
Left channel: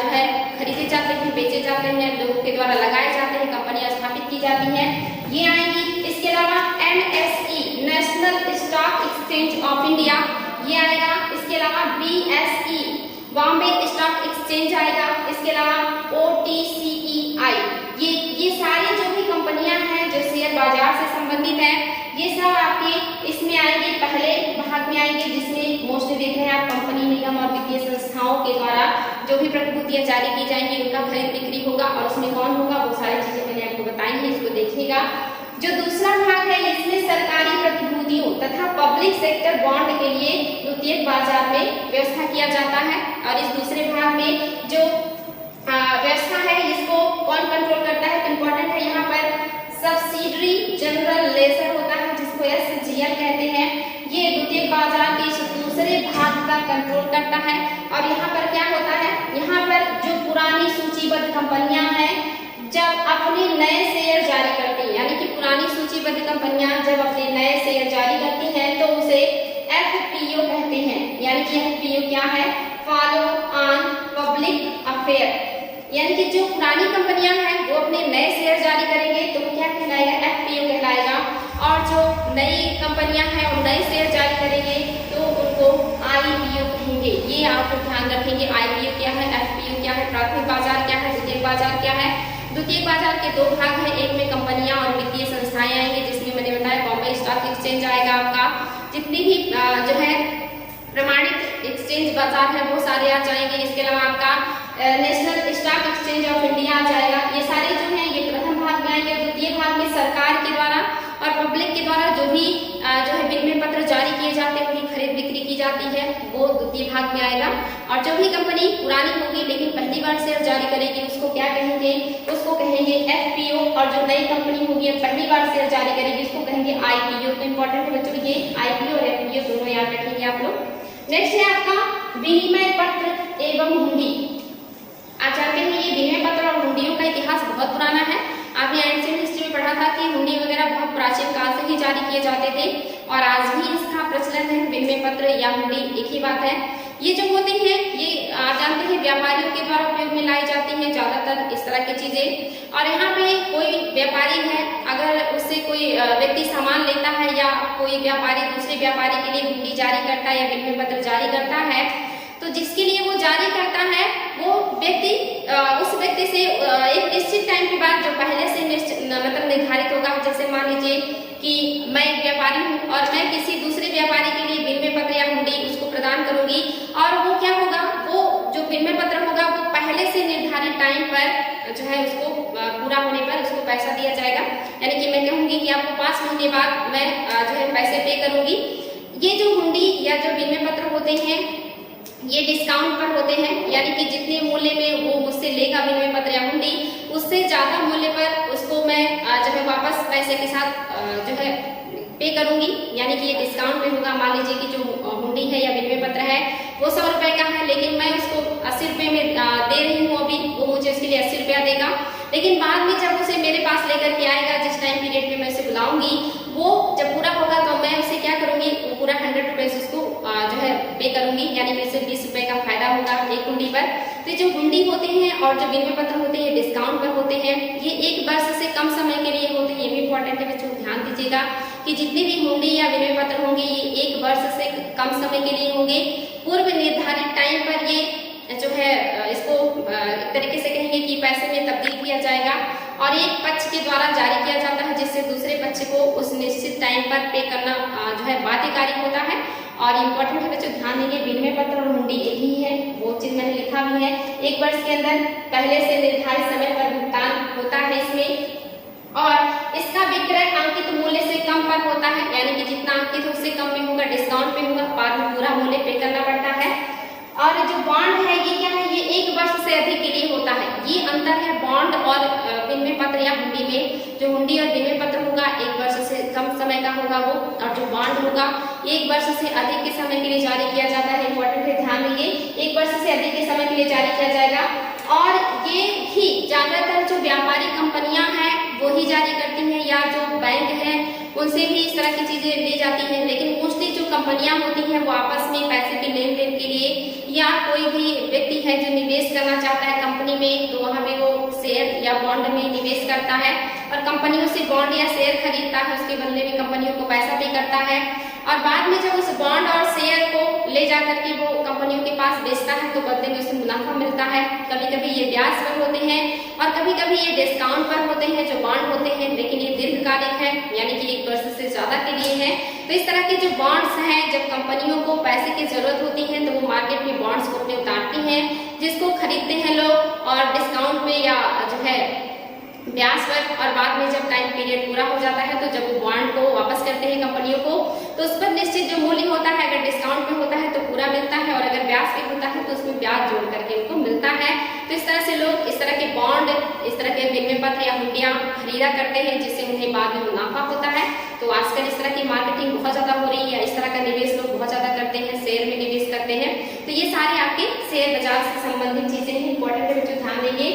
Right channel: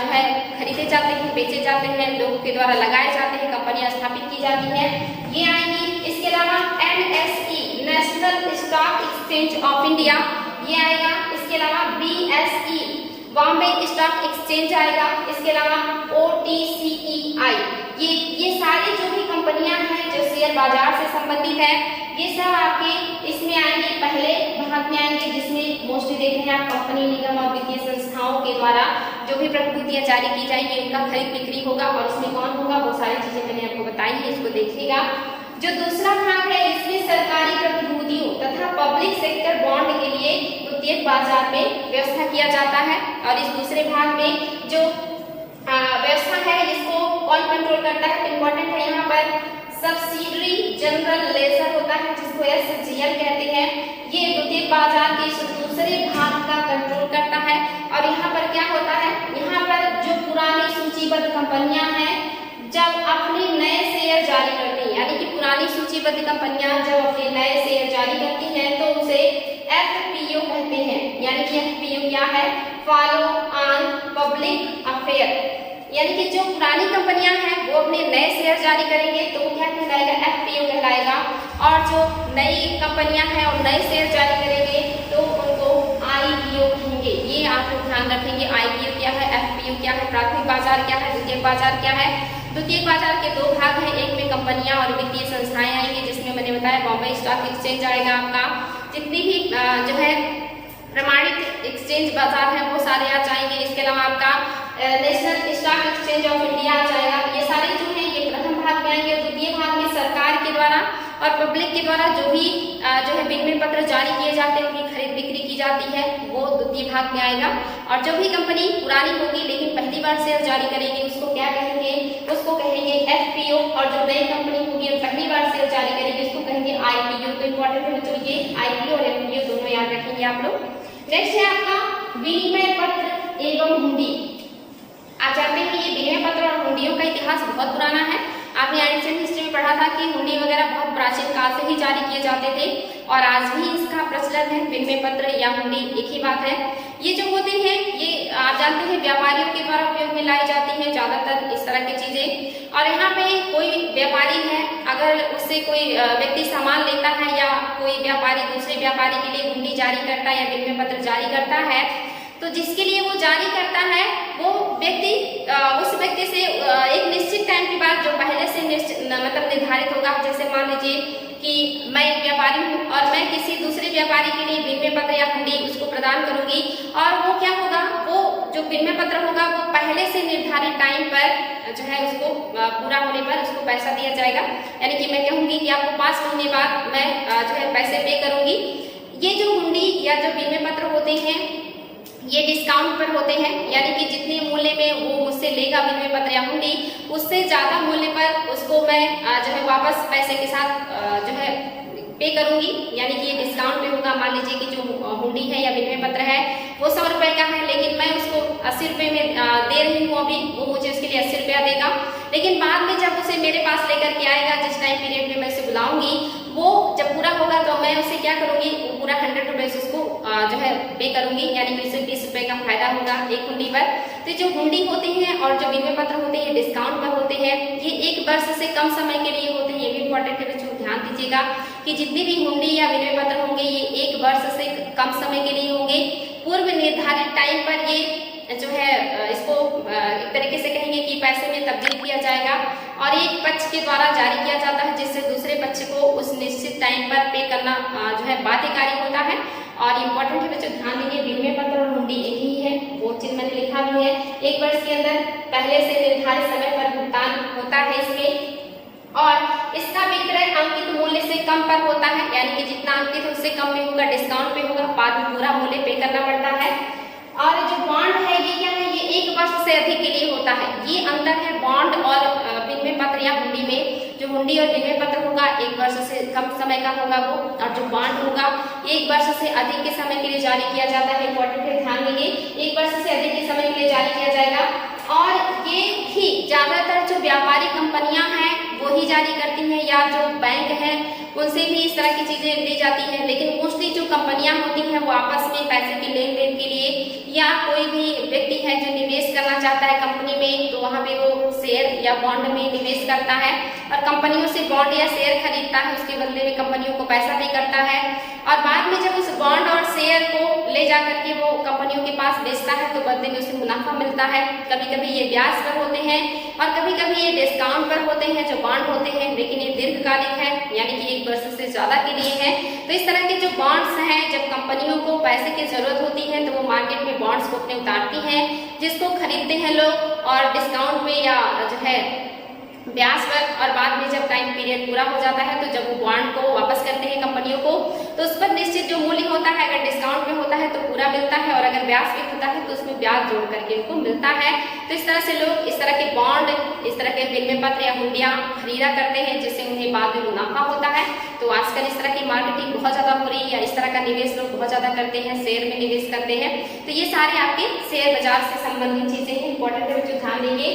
जो है खरीदे जाते हैं, बेचे जाते हैं, लोगों के द्वारा लगाए जाते हैं, कंपनियां स्थापित की जाती हैं, ये आएंगी। इसके अलावा NSE national stock exchange of India ये आएगा। इसके अलावा BSE बॉम्बे स्टॉक एक्सचेंज आएगा। इसके अलावा OTCEI ये सारी जो भी कंपनियां हैं जो शेयर बाजार से संबंधित हैं ये सब आपके इसमें आएंगे, पहले भाग में आएंगे जिसमें मोस्टली देख रहे हैं आप कंपनी, निगम और वित्तीय संस्थाओं के द्वारा जो भी प्रतिभूतियां जारी की जाएंगी उनका खरीद बिक्री होगा और इसमें कौन होगा वो सारी चीजें मैंने आपको बताई है, इसको देखिएगा। जो दूसरा भाग है इसमें सरकारी प्रतिभूतियों तथा पब्लिक सेक्टर बॉन्ड के लिए द्वितीयक बाजार में व्यवस्था किया जाता है और इस दूसरे भाग में जो व्यवस्था है इसको कौन कंट्रोल करता है, तो इम्पोर्टेंट है यहाँ पर सब्सिडरी जनरल लेजर होता है जिसको SGL कहते हैं। ये द्वितीयक बाजार के इस दूसरे भाग का कंट्रोल करता है और यहाँ पर क्या होता है, यहाँ पर जो पुरानी सूचीबद्ध कंपनियां हैं जब अपने नए शेयर जारी करती हैं, यानी कि पुरानी सूचीबद्ध कंपनियां जब अपने नए शेयर जारी करती हैं तो उसे एफपीओ कहते हैं। यानी कि एफपीओ क्या है? Follow on public affair. यानी कि जो पुरानी कंपनियां हैं वो अपने नए शेयर जारी करेंगे तो वो क्या कहलाएगा? एफपीओ कहलाएगा। और जो नई कंपनियां हैं और नए शेयर जारी करेंगे तो उनको आईपीओ कहेंगे। ये आप लोग ध्यान रखेंगे। आईपीओ क्या है, एफपीओ क्या है, प्राथमिक बाजार क्या है, द्वितीयक बाजार क्या है। द्वितीयक बाजार के दो भाग हैं, एक में कंपनियां और वित्तीय संस्थाएं आएंगी, जिसमें मैंने बताया बॉम्बे स्टॉक एक्सचेंज आएगा आपका। जितनी भी जो है प्रमाणित एक्सचेंज बाजार है वो सारे आ जाएंगे। इसके अलावा आपका national stock exchange of India आ जाएगा। ये सारे जो हैं ये प्रथम भाग में आएंगे। द्वितीय भाग में सरकार के द्वारा और पब्लिक के द्वारा जो भी जो है विनिमय पत्र जारी किए जाते हैं, उनकी खरीद बिक्री की जाती है, वो द्वितीय भाग में आएगा। और जो भी कंपनी पुरानी होगी लेकिन पहली बार शेयर जारी करेगी उसको क्या कहेंगे? उसको कहेंगे एफपीओ। और जो नई कंपनी होगी और पहली बार शेयर जारी करेगी उसको कहेंगे आईपीओ। तो इंपॉर्टेंट है बच्चों, ये आईपीओ और एफपीओ दोनों याद रखेंगे आप लोग। नेक्स्ट है आपका विनिमय पत्र एवं हुंडी। आप जानते हैं ये विनिमय पत्र और हुंडियों का इतिहास बहुत पुराना है। आपने एंशिएंट हिस्ट्री में पढ़ा था कि हुंडी वगैरह बहुत प्राचीन काल से ही जारी किए जाते थे और आज भी इसका प्रचलन है। विनिमय पत्र या हुंडी एक ही बात है। ये जो होते हैं ये आप जानते हैं व्यापारियों के द्वारा उपयोग में लाई जाती हैं ज्यादातर इस तरह की चीजें। और यहाँ पे कोई व्यापारी है, अगर उससे कोई व्यक्ति सामान लेता है या कोई व्यापारी दूसरे व्यापारी के लिए हुंडी जारी करता है या विनिमय पत्र जारी करता है तो जिसके लिए वो जारी करता है वो व्यक्ति उस व्यक्ति से एक निश्चित टाइम के बाद जो पहले से मतलब निर्धारित होगा। जैसे मान लीजिए कि मैं एक व्यापारी हूँ और मैं किसी दूसरे व्यापारी के लिए विनिमय पत्र या हुंडी उसको प्रदान करूंगी और वो क्या होगा, वो जो विनिमय पत्र होगा वो पहले से निर्धारित टाइम पर जो है उसको पूरा होने पर उसको पैसा दिया जाएगा। यानी कि मैं कहूंगी कि आपको 5 महीने बाद मैं जो है पैसे पे करूंगी। ये जो हुंडी या जो विनिमय पत्र होते हैं ये डिस्काउंट पर होते हैं, यानी कि जितने मूल्य में वो मुझसे लेगा विनिमय पत्र या हुंडी उससे ज्यादा मूल्य पर उसको मैं जो है वापस पैसे के साथ जो है पे करूंगी। यानी कि ये डिस्काउंट पे होगा। मान लीजिए कि जो हुंडी है या विनिमय पत्र है वो 100 रुपए का है लेकिन मैं उसको 80 रुपए में दे रही हूँ अभी, वो मुझे उसके लिए 80 रुपया देगा। लेकिन बाद में जब उसे मेरे पास लेकर के आएगा, जिस टाइम पीरियड में मैं उसे बुलाऊंगी, वो जब पूरा होगा तो मैं उसे क्या करूंगी, वो पूरा 100 रुपीज उसको जो है पे करूंगी। यानी कि उसे 20 रुपए का फायदा होगा एक हुंडी पर। तो जो हुंडी होते हैं और जो विनिमय पत्र होते हैं डिस्काउंट पर होते हैं। ये 1 वर्ष से कम समय के लिए होते हैं। ये भी इंपॉर्टेंट है बच्चों, ध्यान दीजिएगा कि जितनी भी हुंडी या विनिमय पत्र होंगे ये 1 वर्ष से कम समय के लिए होंगे। पूर्व निर्धारित टाइम पर ये जो है इसको एक तरीके से कहेंगे कि पैसे में तब्दील किया जाएगा और एक पक्ष के द्वारा जारी किया जाता है जिससे दूसरे पक्ष को उस निश्चित टाइम पर पे करना जो है बाध्यकारी होता है। और इम्पोर्टेंट है बच्चों, ध्यान देंगे विनिमय पत्र और हुंडी एक ही है। वो चीज मैंने लिखा भी है। 1 वर्ष के अंदर पहले से निर्धारित समय पर भुगतान होता है इसमें और इसका विक्रय अंकित मूल्य से कम पर होता है। यानी कि जितना अंकित है उससे कम में होगा, डिस्काउंट पे होगा, बाद में पूरा मूल्य पे करना पड़ता है। और जो बॉन्ड है ये क्या है, ये 1 वर्ष से अधिक के लिए होता है। ये अंतर है बॉन्ड और विनिमय पत्र या हुंडी में। जो हुंडी और विनिमय पत्र होगा 1 वर्ष से कम समय का होगा वो, और जो बॉन्ड होगा 1 वर्ष से अधिक के समय के लिए जारी किया जाता है। इंपॉर्टेंट है, ध्यान देंगे 1 वर्ष से अधिक के समय के लिए जारी किया जाएगा। और ये भी ज्यादातर जो व्यापारी कंपनियां हैं वो ही जारी करती हैं या जो बैंक हैं उनसे भी इस तरह की चीजें ली जाती है। लेकिन मोस्टली जो कंपनियां होती हैं वो आपस में पैसे के लेन देन के लिए या कोई भी व्यक्ति है जो निवेश करना चाहता है कंपनी में तो वहां पे वो शेयर या बॉन्ड में निवेश करता है और कंपनियों से बॉन्ड या शेयर खरीदता है, उसके बदले में कंपनियों को पैसा भी करता है और बाद में जब उस बॉन्ड और शेयर को ले जा करके वो कंपनियों के पास बेचता है तो बदले में उसे मुनाफा मिलता है। कभी कभी ये ब्याज पर होते हैं और कभी कभी ये डिस्काउंट पर होते हैं जो बॉन्ड होते हैं, लेकिन ये दीर्घकालिक है यानी कि 1 वर्ष से ज्यादा के लिए है। तो इस तरह के जो बॉन्ड्स हैं, जब कंपनियों को पैसे की जरूरत होती है तो वो मार्केट में बॉन्ड्स को अपने उतारती हैं जिसको खरीदते हैं लोग और डिस्काउंट पे या जो है ब्याज पर, और बाद में जब टाइम पीरियड पूरा हो जाता है तो जब वो बॉन्ड को वापस करते हैं कंपनियों को तो उस पर निश्चित जो मूल्य होता है, अगर डिस्काउंट में होता है तो पूरा मिलता है और अगर ब्याज पे होता है तो उसमें ब्याज जोड़ करके उनको मिलता है। तो इस तरह से लोग इस तरह के बॉन्ड, इस तरह के विनिमय पत्र या हुंडियां खरीदा करते हैं जिससे उन्हें बाद में मुनाफा होता है। तो आजकल इस तरह की मार्केटिंग बहुत ज्यादा हो रही है, इस तरह का निवेश लोग बहुत ज्यादा करते हैं, शेयर में निवेश करते हैं। तो ये सारे आपके शेयर बाजार से संबंधित चीजें हैं, इंपॉर्टेंट है बच्चों, ध्यान देंगे।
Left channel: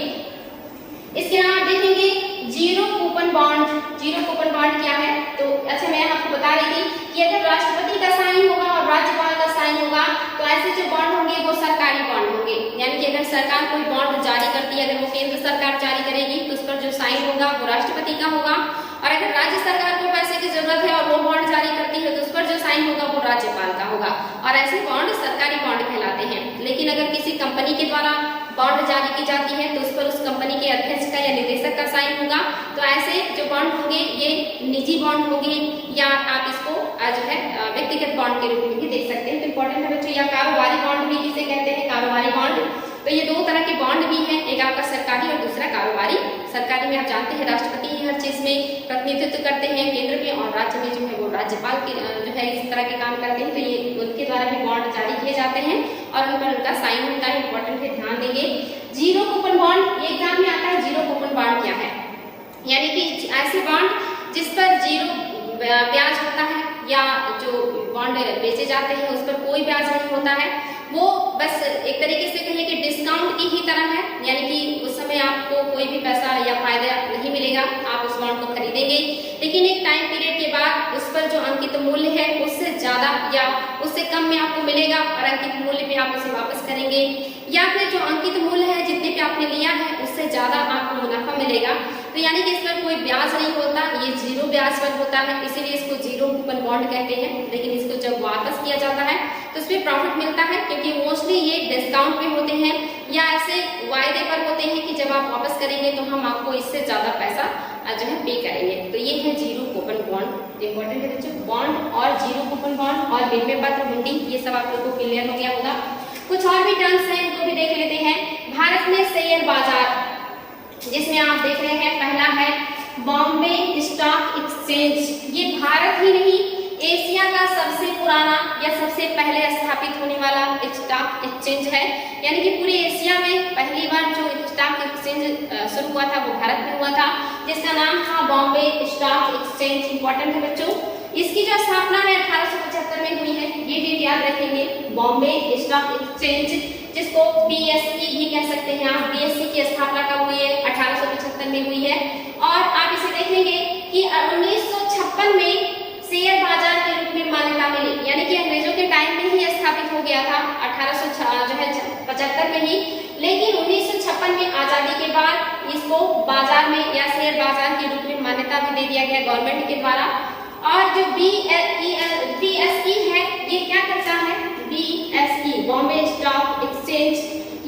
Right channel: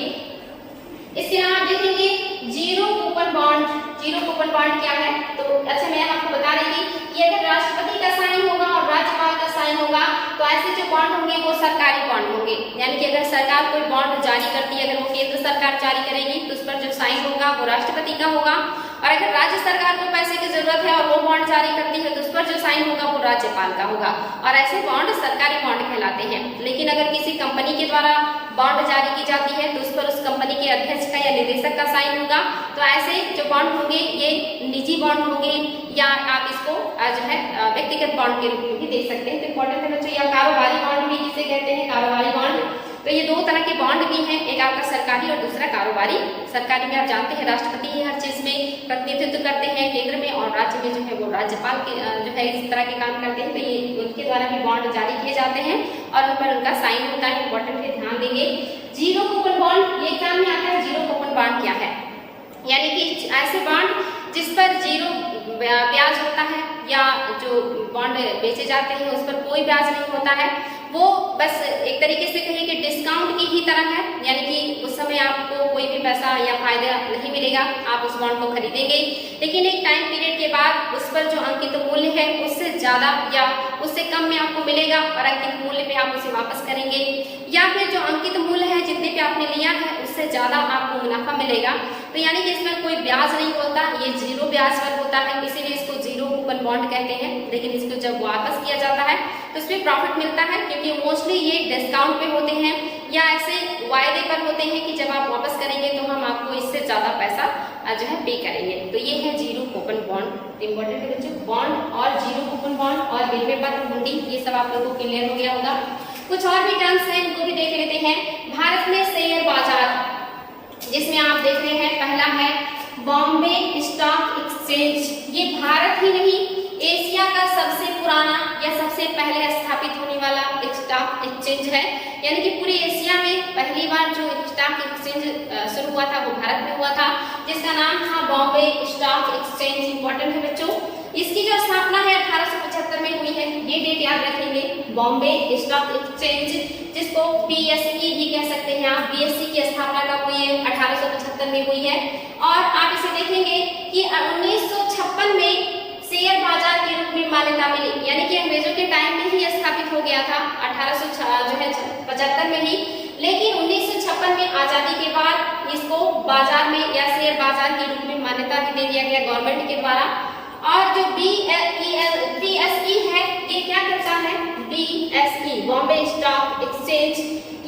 इसके अलावा आप देखेंगे zero coupon bond. Zero coupon bond क्या है? तो अच्छा मैं आपको बता रही थी कि अगर राष्ट्रपति का साइन होगा और राज्यपाल का साइन होगा तो ऐसे जो बॉन्ड होंगे वो सरकारी बॉन्ड होंगे, यानी कि अगर सरकार कोई बॉन्ड जारी करती है, अगर वो केंद्र सरकार जारी करेगी तो उस पर जो साइन होगा वो राष्ट्रपति का होगा, और अगर राज्य सरकार को पैसे की जरूरत है और वो बॉन्ड जारी करती है तो उस पर जो साइन होगा वो राज्यपाल का होगा, और ऐसे बॉन्ड सरकारी बॉन्ड कहलाते हैं। लेकिन अगर किसी कंपनी के द्वारा बॉन्ड जारी की जाती है तो उस पर उस कंपनी के अध्यक्ष का या निदेशक का साइन होगा। तो ऐसे जो बॉन्ड होंगे ये निजी बॉन्ड होंगे, या आप इसको जो है व्यक्तिगत बॉन्ड के रूप में भी देख सकते हैं। तो इम्पोर्टेंट है बच्चों, या कारोबारी बॉन्ड भी जिसे कहते हैं, कारोबारी बॉन्ड। तो ये दो तरह के बॉन्ड भी हैं, एक आपका सरकारी और दूसरा कारोबारी। सरकारी में आप जानते हैं राष्ट्रपति ही हर चीज में प्रतिनिधित्व करते हैं केंद्र में, और राज्य में जो है वो राज्यपाल के जो है इस तरह के काम करते हैं। तो ये उनके द्वारा भी बॉन्ड जारी किए जाते हैं और उन पर उनका साइन होता है। इंपॉर्टेंट है, ध्यान देंगे। जीरो कूपन बॉन्ड ये एग्जाम में आता है। जीरो कूपन बॉन्ड क्या है? यानी कि ऐसे बॉन्ड जिस पर जीरो ब्याज होता है, या जो बॉन्ड बेचे जाते हैं उस पर कोई ब्याज नहीं होता है, वो बस एक तरीके से कहिए कि डिस्काउंट की ही तरह है, यानी कि उस समय आपको कोई भी पैसा या फायदा नहीं मिलेगा, आप उस बॉन्ड को खरीदेंगे, लेकिन एक टाइम पीरियड के बाद उस पर जो अंकित मूल्य है उससे ज्यादा या उससे कम में आपको मिलेगा, और अंकित मूल्य पे आप उसे वापस करेंगे, या फिर जो अंकित मूल्य है जितने पे आपने लिया है उससे ज्यादा आपको मुनाफा मिलेगा। तो यानी कि इस पर कोई ब्याज नहीं होता, ये जीरो ब्याज पर होता है, इसीलिए इसको जीरो कूपन बॉन्ड कहते हैं। लेकिन इसको जब वापस किया जाता है तो उसमें प्रॉफिट मिलता है, क्योंकि मोस्टली ये डिस्काउंट पे होते हैं या ऐसे वायदे पर होते हैं कि जब आप वापस करेंगे तो हम आपको इससे ज्यादा पैसा जो है पे करेंगे। तो ये है जीरो कूपन बॉन्ड। इंपॉर्टेंट है बच्चों, बॉन्ड और जीरो कूपन बॉन्ड और विनिमय पत्र, हुंडी, ये सब आप लोगों को क्लियर हो गया होगा। कुछ और भी टर्म्स हैं, इनको भी देख लेते हैं। भारत में शेयर बाजार, जिसमें आप देख रहे हैं पहला है बॉम्बे स्टॉक एक्सचेंज। ये भारत ही नहीं एशिया का सबसे पुराना या सबसे पहले स्थापित होने वाला स्टॉक एक्सचेंज है, यानी कि पूरे एशिया में पहली बार जो स्टॉक एक्सचेंज शुरू हुआ था वो भारत में हुआ था, जिसका नाम था बॉम्बे स्टॉक एक्सचेंज। इंपॉर्टेंट है बच्चों, इसकी जो स्थापना है 1875 में हुई है, ये डेट याद रखेंगे। बॉम्बे स्टॉक एक्सचेंज, जिसको BSE भी कह सकते हैं आप, BSE की स्थापना कब हुई है? 1875 में हुई है। और आप इसे देखेंगे कि 1956 में शेयर बाजार के रूप में मान्यता मिली, यानी कि अंग्रेजों के टाइम में ही स्थापित हो गया था 1875 में ही, लेकिन 1956 में आजादी के बाद इसको बाजार में या शेयर बाजार के रूप में मान्यता भी दे दिया गया गवर्नमेंट के द्वारा। और जो BSE है ये क्या करता है? BSE बॉम्बे स्टॉक एक्सचेंज,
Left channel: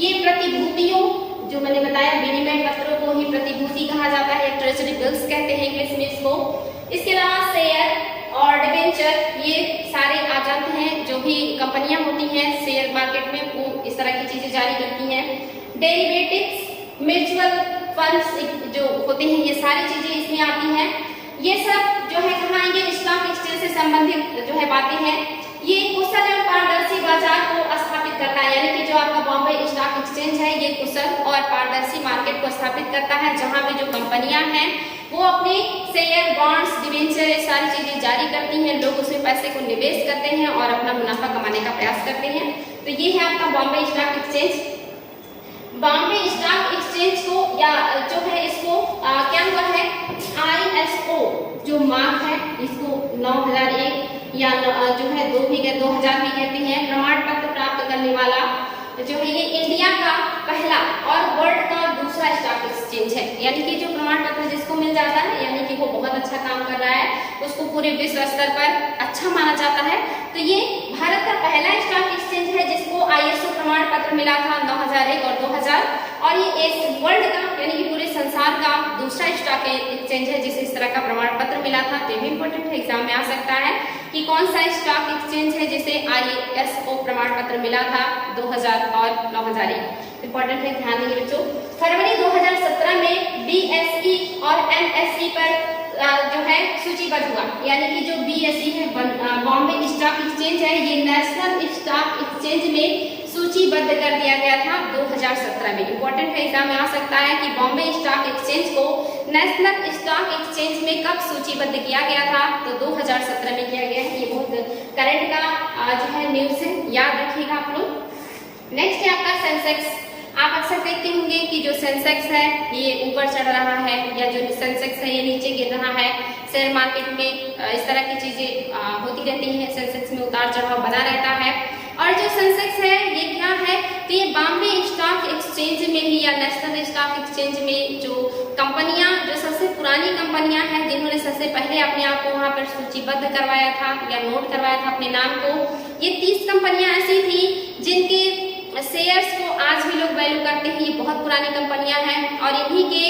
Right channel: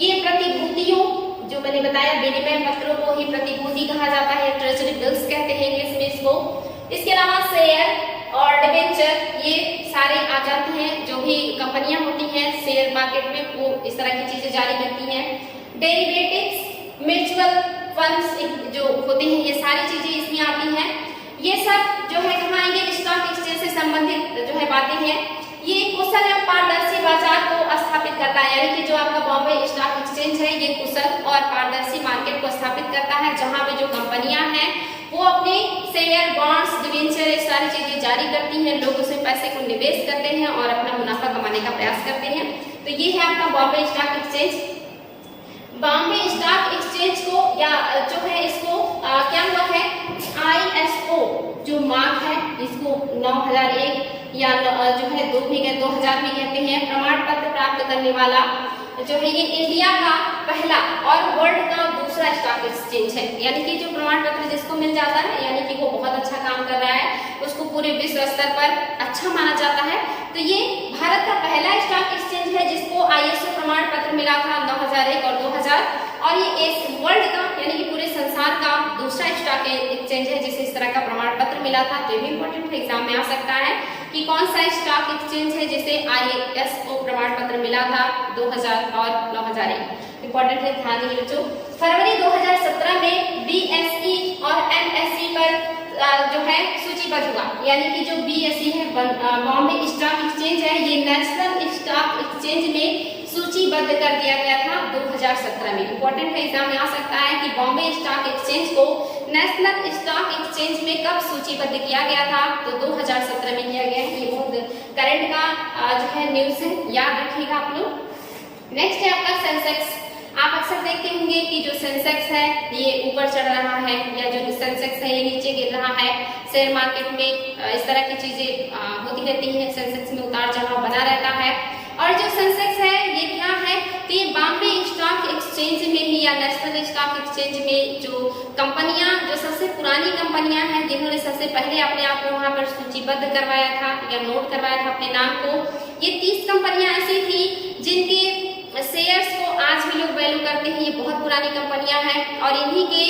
ये प्रतिभूतियों, जो मैंने बताया विनिमय पत्रों को ही प्रतिभूति कहा जाता है, ट्रेजरी बिल्स कहते हैं इंग्लिश में इसको। इसके अलावा शेयर और डिबेंचर, ये सारे आ जाते हैं, जो भी कंपनियां होती हैं शेयर मार्केट में वो इस तरह की चीजें जारी करती हैं। डेरिवेटिव्स, म्यूचुअल फंड्स जो होते हैं, ये सारी चीजें इसमें आती हैं। ये सब जो है कहाँ आएंगे? स्टॉक एक्सचेंज से संबंधित जो है बातें हैं। ये कुशल एवं पारदर्शी बाजार को स्थापित करता है, यानी कि जो आपका बॉम्बे स्टॉक एक्सचेंज है ये कुशल और पारदर्शी मार्केट को स्थापित करता है, जहां भी जो कंपनियां हैं वो अपने शेयर, बॉन्ड्स, डिबेंचर, ये सारी चीजें जारी करती हैं, लोग उसमें पैसे को निवेश करते हैं और अपना मुनाफा कमाने का प्रयास करते हैं। तो ये है आपका Bombay stock exchange. Bombay stock exchange को या जो है इसको क्या हुआ है? ISO जो मार्क है इसको 9001 या जो है 2000 भी कहते हैं, प्रमाण पत्र प्राप्त करने वाला जो है ये इंडिया का पहला और वर्ल्ड का दूसरा स्टॉक एक्सचेंज है, यानी कि जो प्रमाण पत्र जिसको मिल जाता है यानी कि वो बहुत अच्छा काम कर रहा है, उसको पूरे विश्व स्तर पर अच्छा माना जाता है। तो ये भारत का पहला स्टॉक एक्सचेंज है जिसको ISO प्रमाण पत्र मिला था 9001 और 2000, और ये वर्ल्ड का यानी कि पूरे संसार का दूसरा स्टॉक एक्सचेंज है जिसे इस तरह का प्रमाण पत्र मिला था। तो ये भी इंपॉर्टेंट है, एग्जाम में आ सकता है कि कौन सा स्टॉक एक्सचेंज है जिसे ISO प्रमाण पत्र मिला था 2000 और 9001। इंपॉर्टेंट है, ध्यान देंगे बच्चों। फरवरी 2017 में BSE और NSE पर जो है सूचीबद्ध हुआ, यानी कि जो BSE है बॉम्बे स्टॉक एक्सचेंज है, ये नेशनल स्टॉक एक्सचेंज में सूचीबद्ध कर दिया गया था 2017 में। इंपॉर्टेंट है, एग्जाम में आ सकता है कि बॉम्बे स्टॉक एक्सचेंज को नेशनल स्टॉक एक्सचेंज में कब सूचीबद्ध किया गया था? तो 2017 में किया गया है। ये बहुत करंट का जो है न्यूज है, याद रखिएगा आप लोग। नेक्स्ट है आपका सेंसेक्स। आप अक्सर देखते होंगे कि जो सेंसेक्स है ये ऊपर चढ़ रहा है या जो सेंसेक्स है ये नीचे गिर रहा है। शेयर मार्केट में इस तरह की चीजें होती रहती हैं, सेंसेक्स में उतार चढ़ाव बना रहता है। और जो सेंसेक्स है ये क्या है, तो ये बॉम्बे स्टॉक एक्सचेंज में ही या नेशनल स्टॉक एक्सचेंज में जो कंपनियां, जो सबसे पुरानी कंपनियां हैं जिन्होंने सबसे पहले अपने आप को वहां पर सूचीबद्ध करवाया था या नोट करवाया था अपने नाम को, ये 30 कंपनियां ऐसी थी जिनके शेयर्स को आज भी लोग वैल्यू करते हैं। ये बहुत पुरानी कंपनियां हैं और इन्हीं के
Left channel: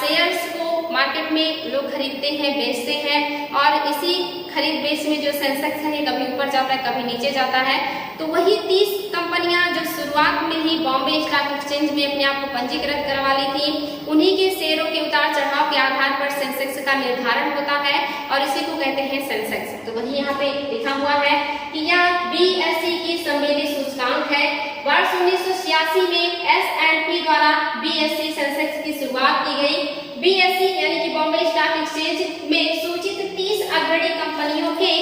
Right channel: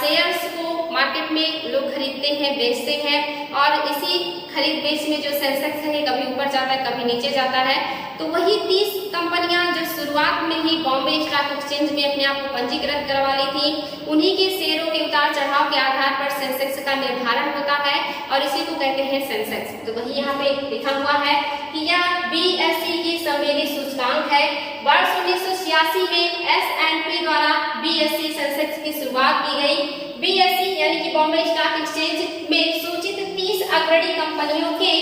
शेयर्स को मार्केट में लोग खरीदते हैं, बेचते हैं और इसी खरीद बेच में जो सेंसेक्स है ये कभी ऊपर जाता है कभी नीचे जाता है। तो वही 30 कंपनियां जो शुरुआत में ही बॉम्बे स्टॉक एक्सचेंज में अपने आप को पंजीकृत करवा ली थी, उन्हीं के शेयरों के उतार चढ़ाव के आधार पर सेंसेक्स का निर्धारण होता है और इसी को कहते हैं सेंसेक्स। तो वही यहाँ पे लिखा हुआ है कि यह BSE की सम्मिलित सूचकांक है। वर्ष 1986 में S&P द्वारा BSE सेंसेक्स की शुरुआत की गई। BSE यानी कि बॉम्बे स्टॉक एक्सचेंज में सूचित 30 अग्रणी कंपनियों के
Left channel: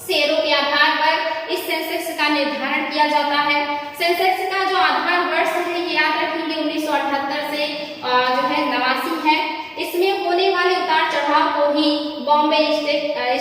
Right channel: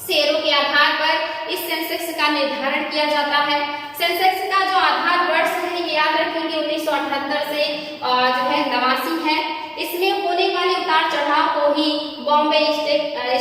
शेयरों के आधार पर इस सेंसेक्स का निर्धारण किया जाता है। सेंसेक्स का जो आधार वर्ष है ये याद रखेंगे 1978 से जो है 89 है। इसमें होने वाले उतार चढ़ाव को ही बॉम्बे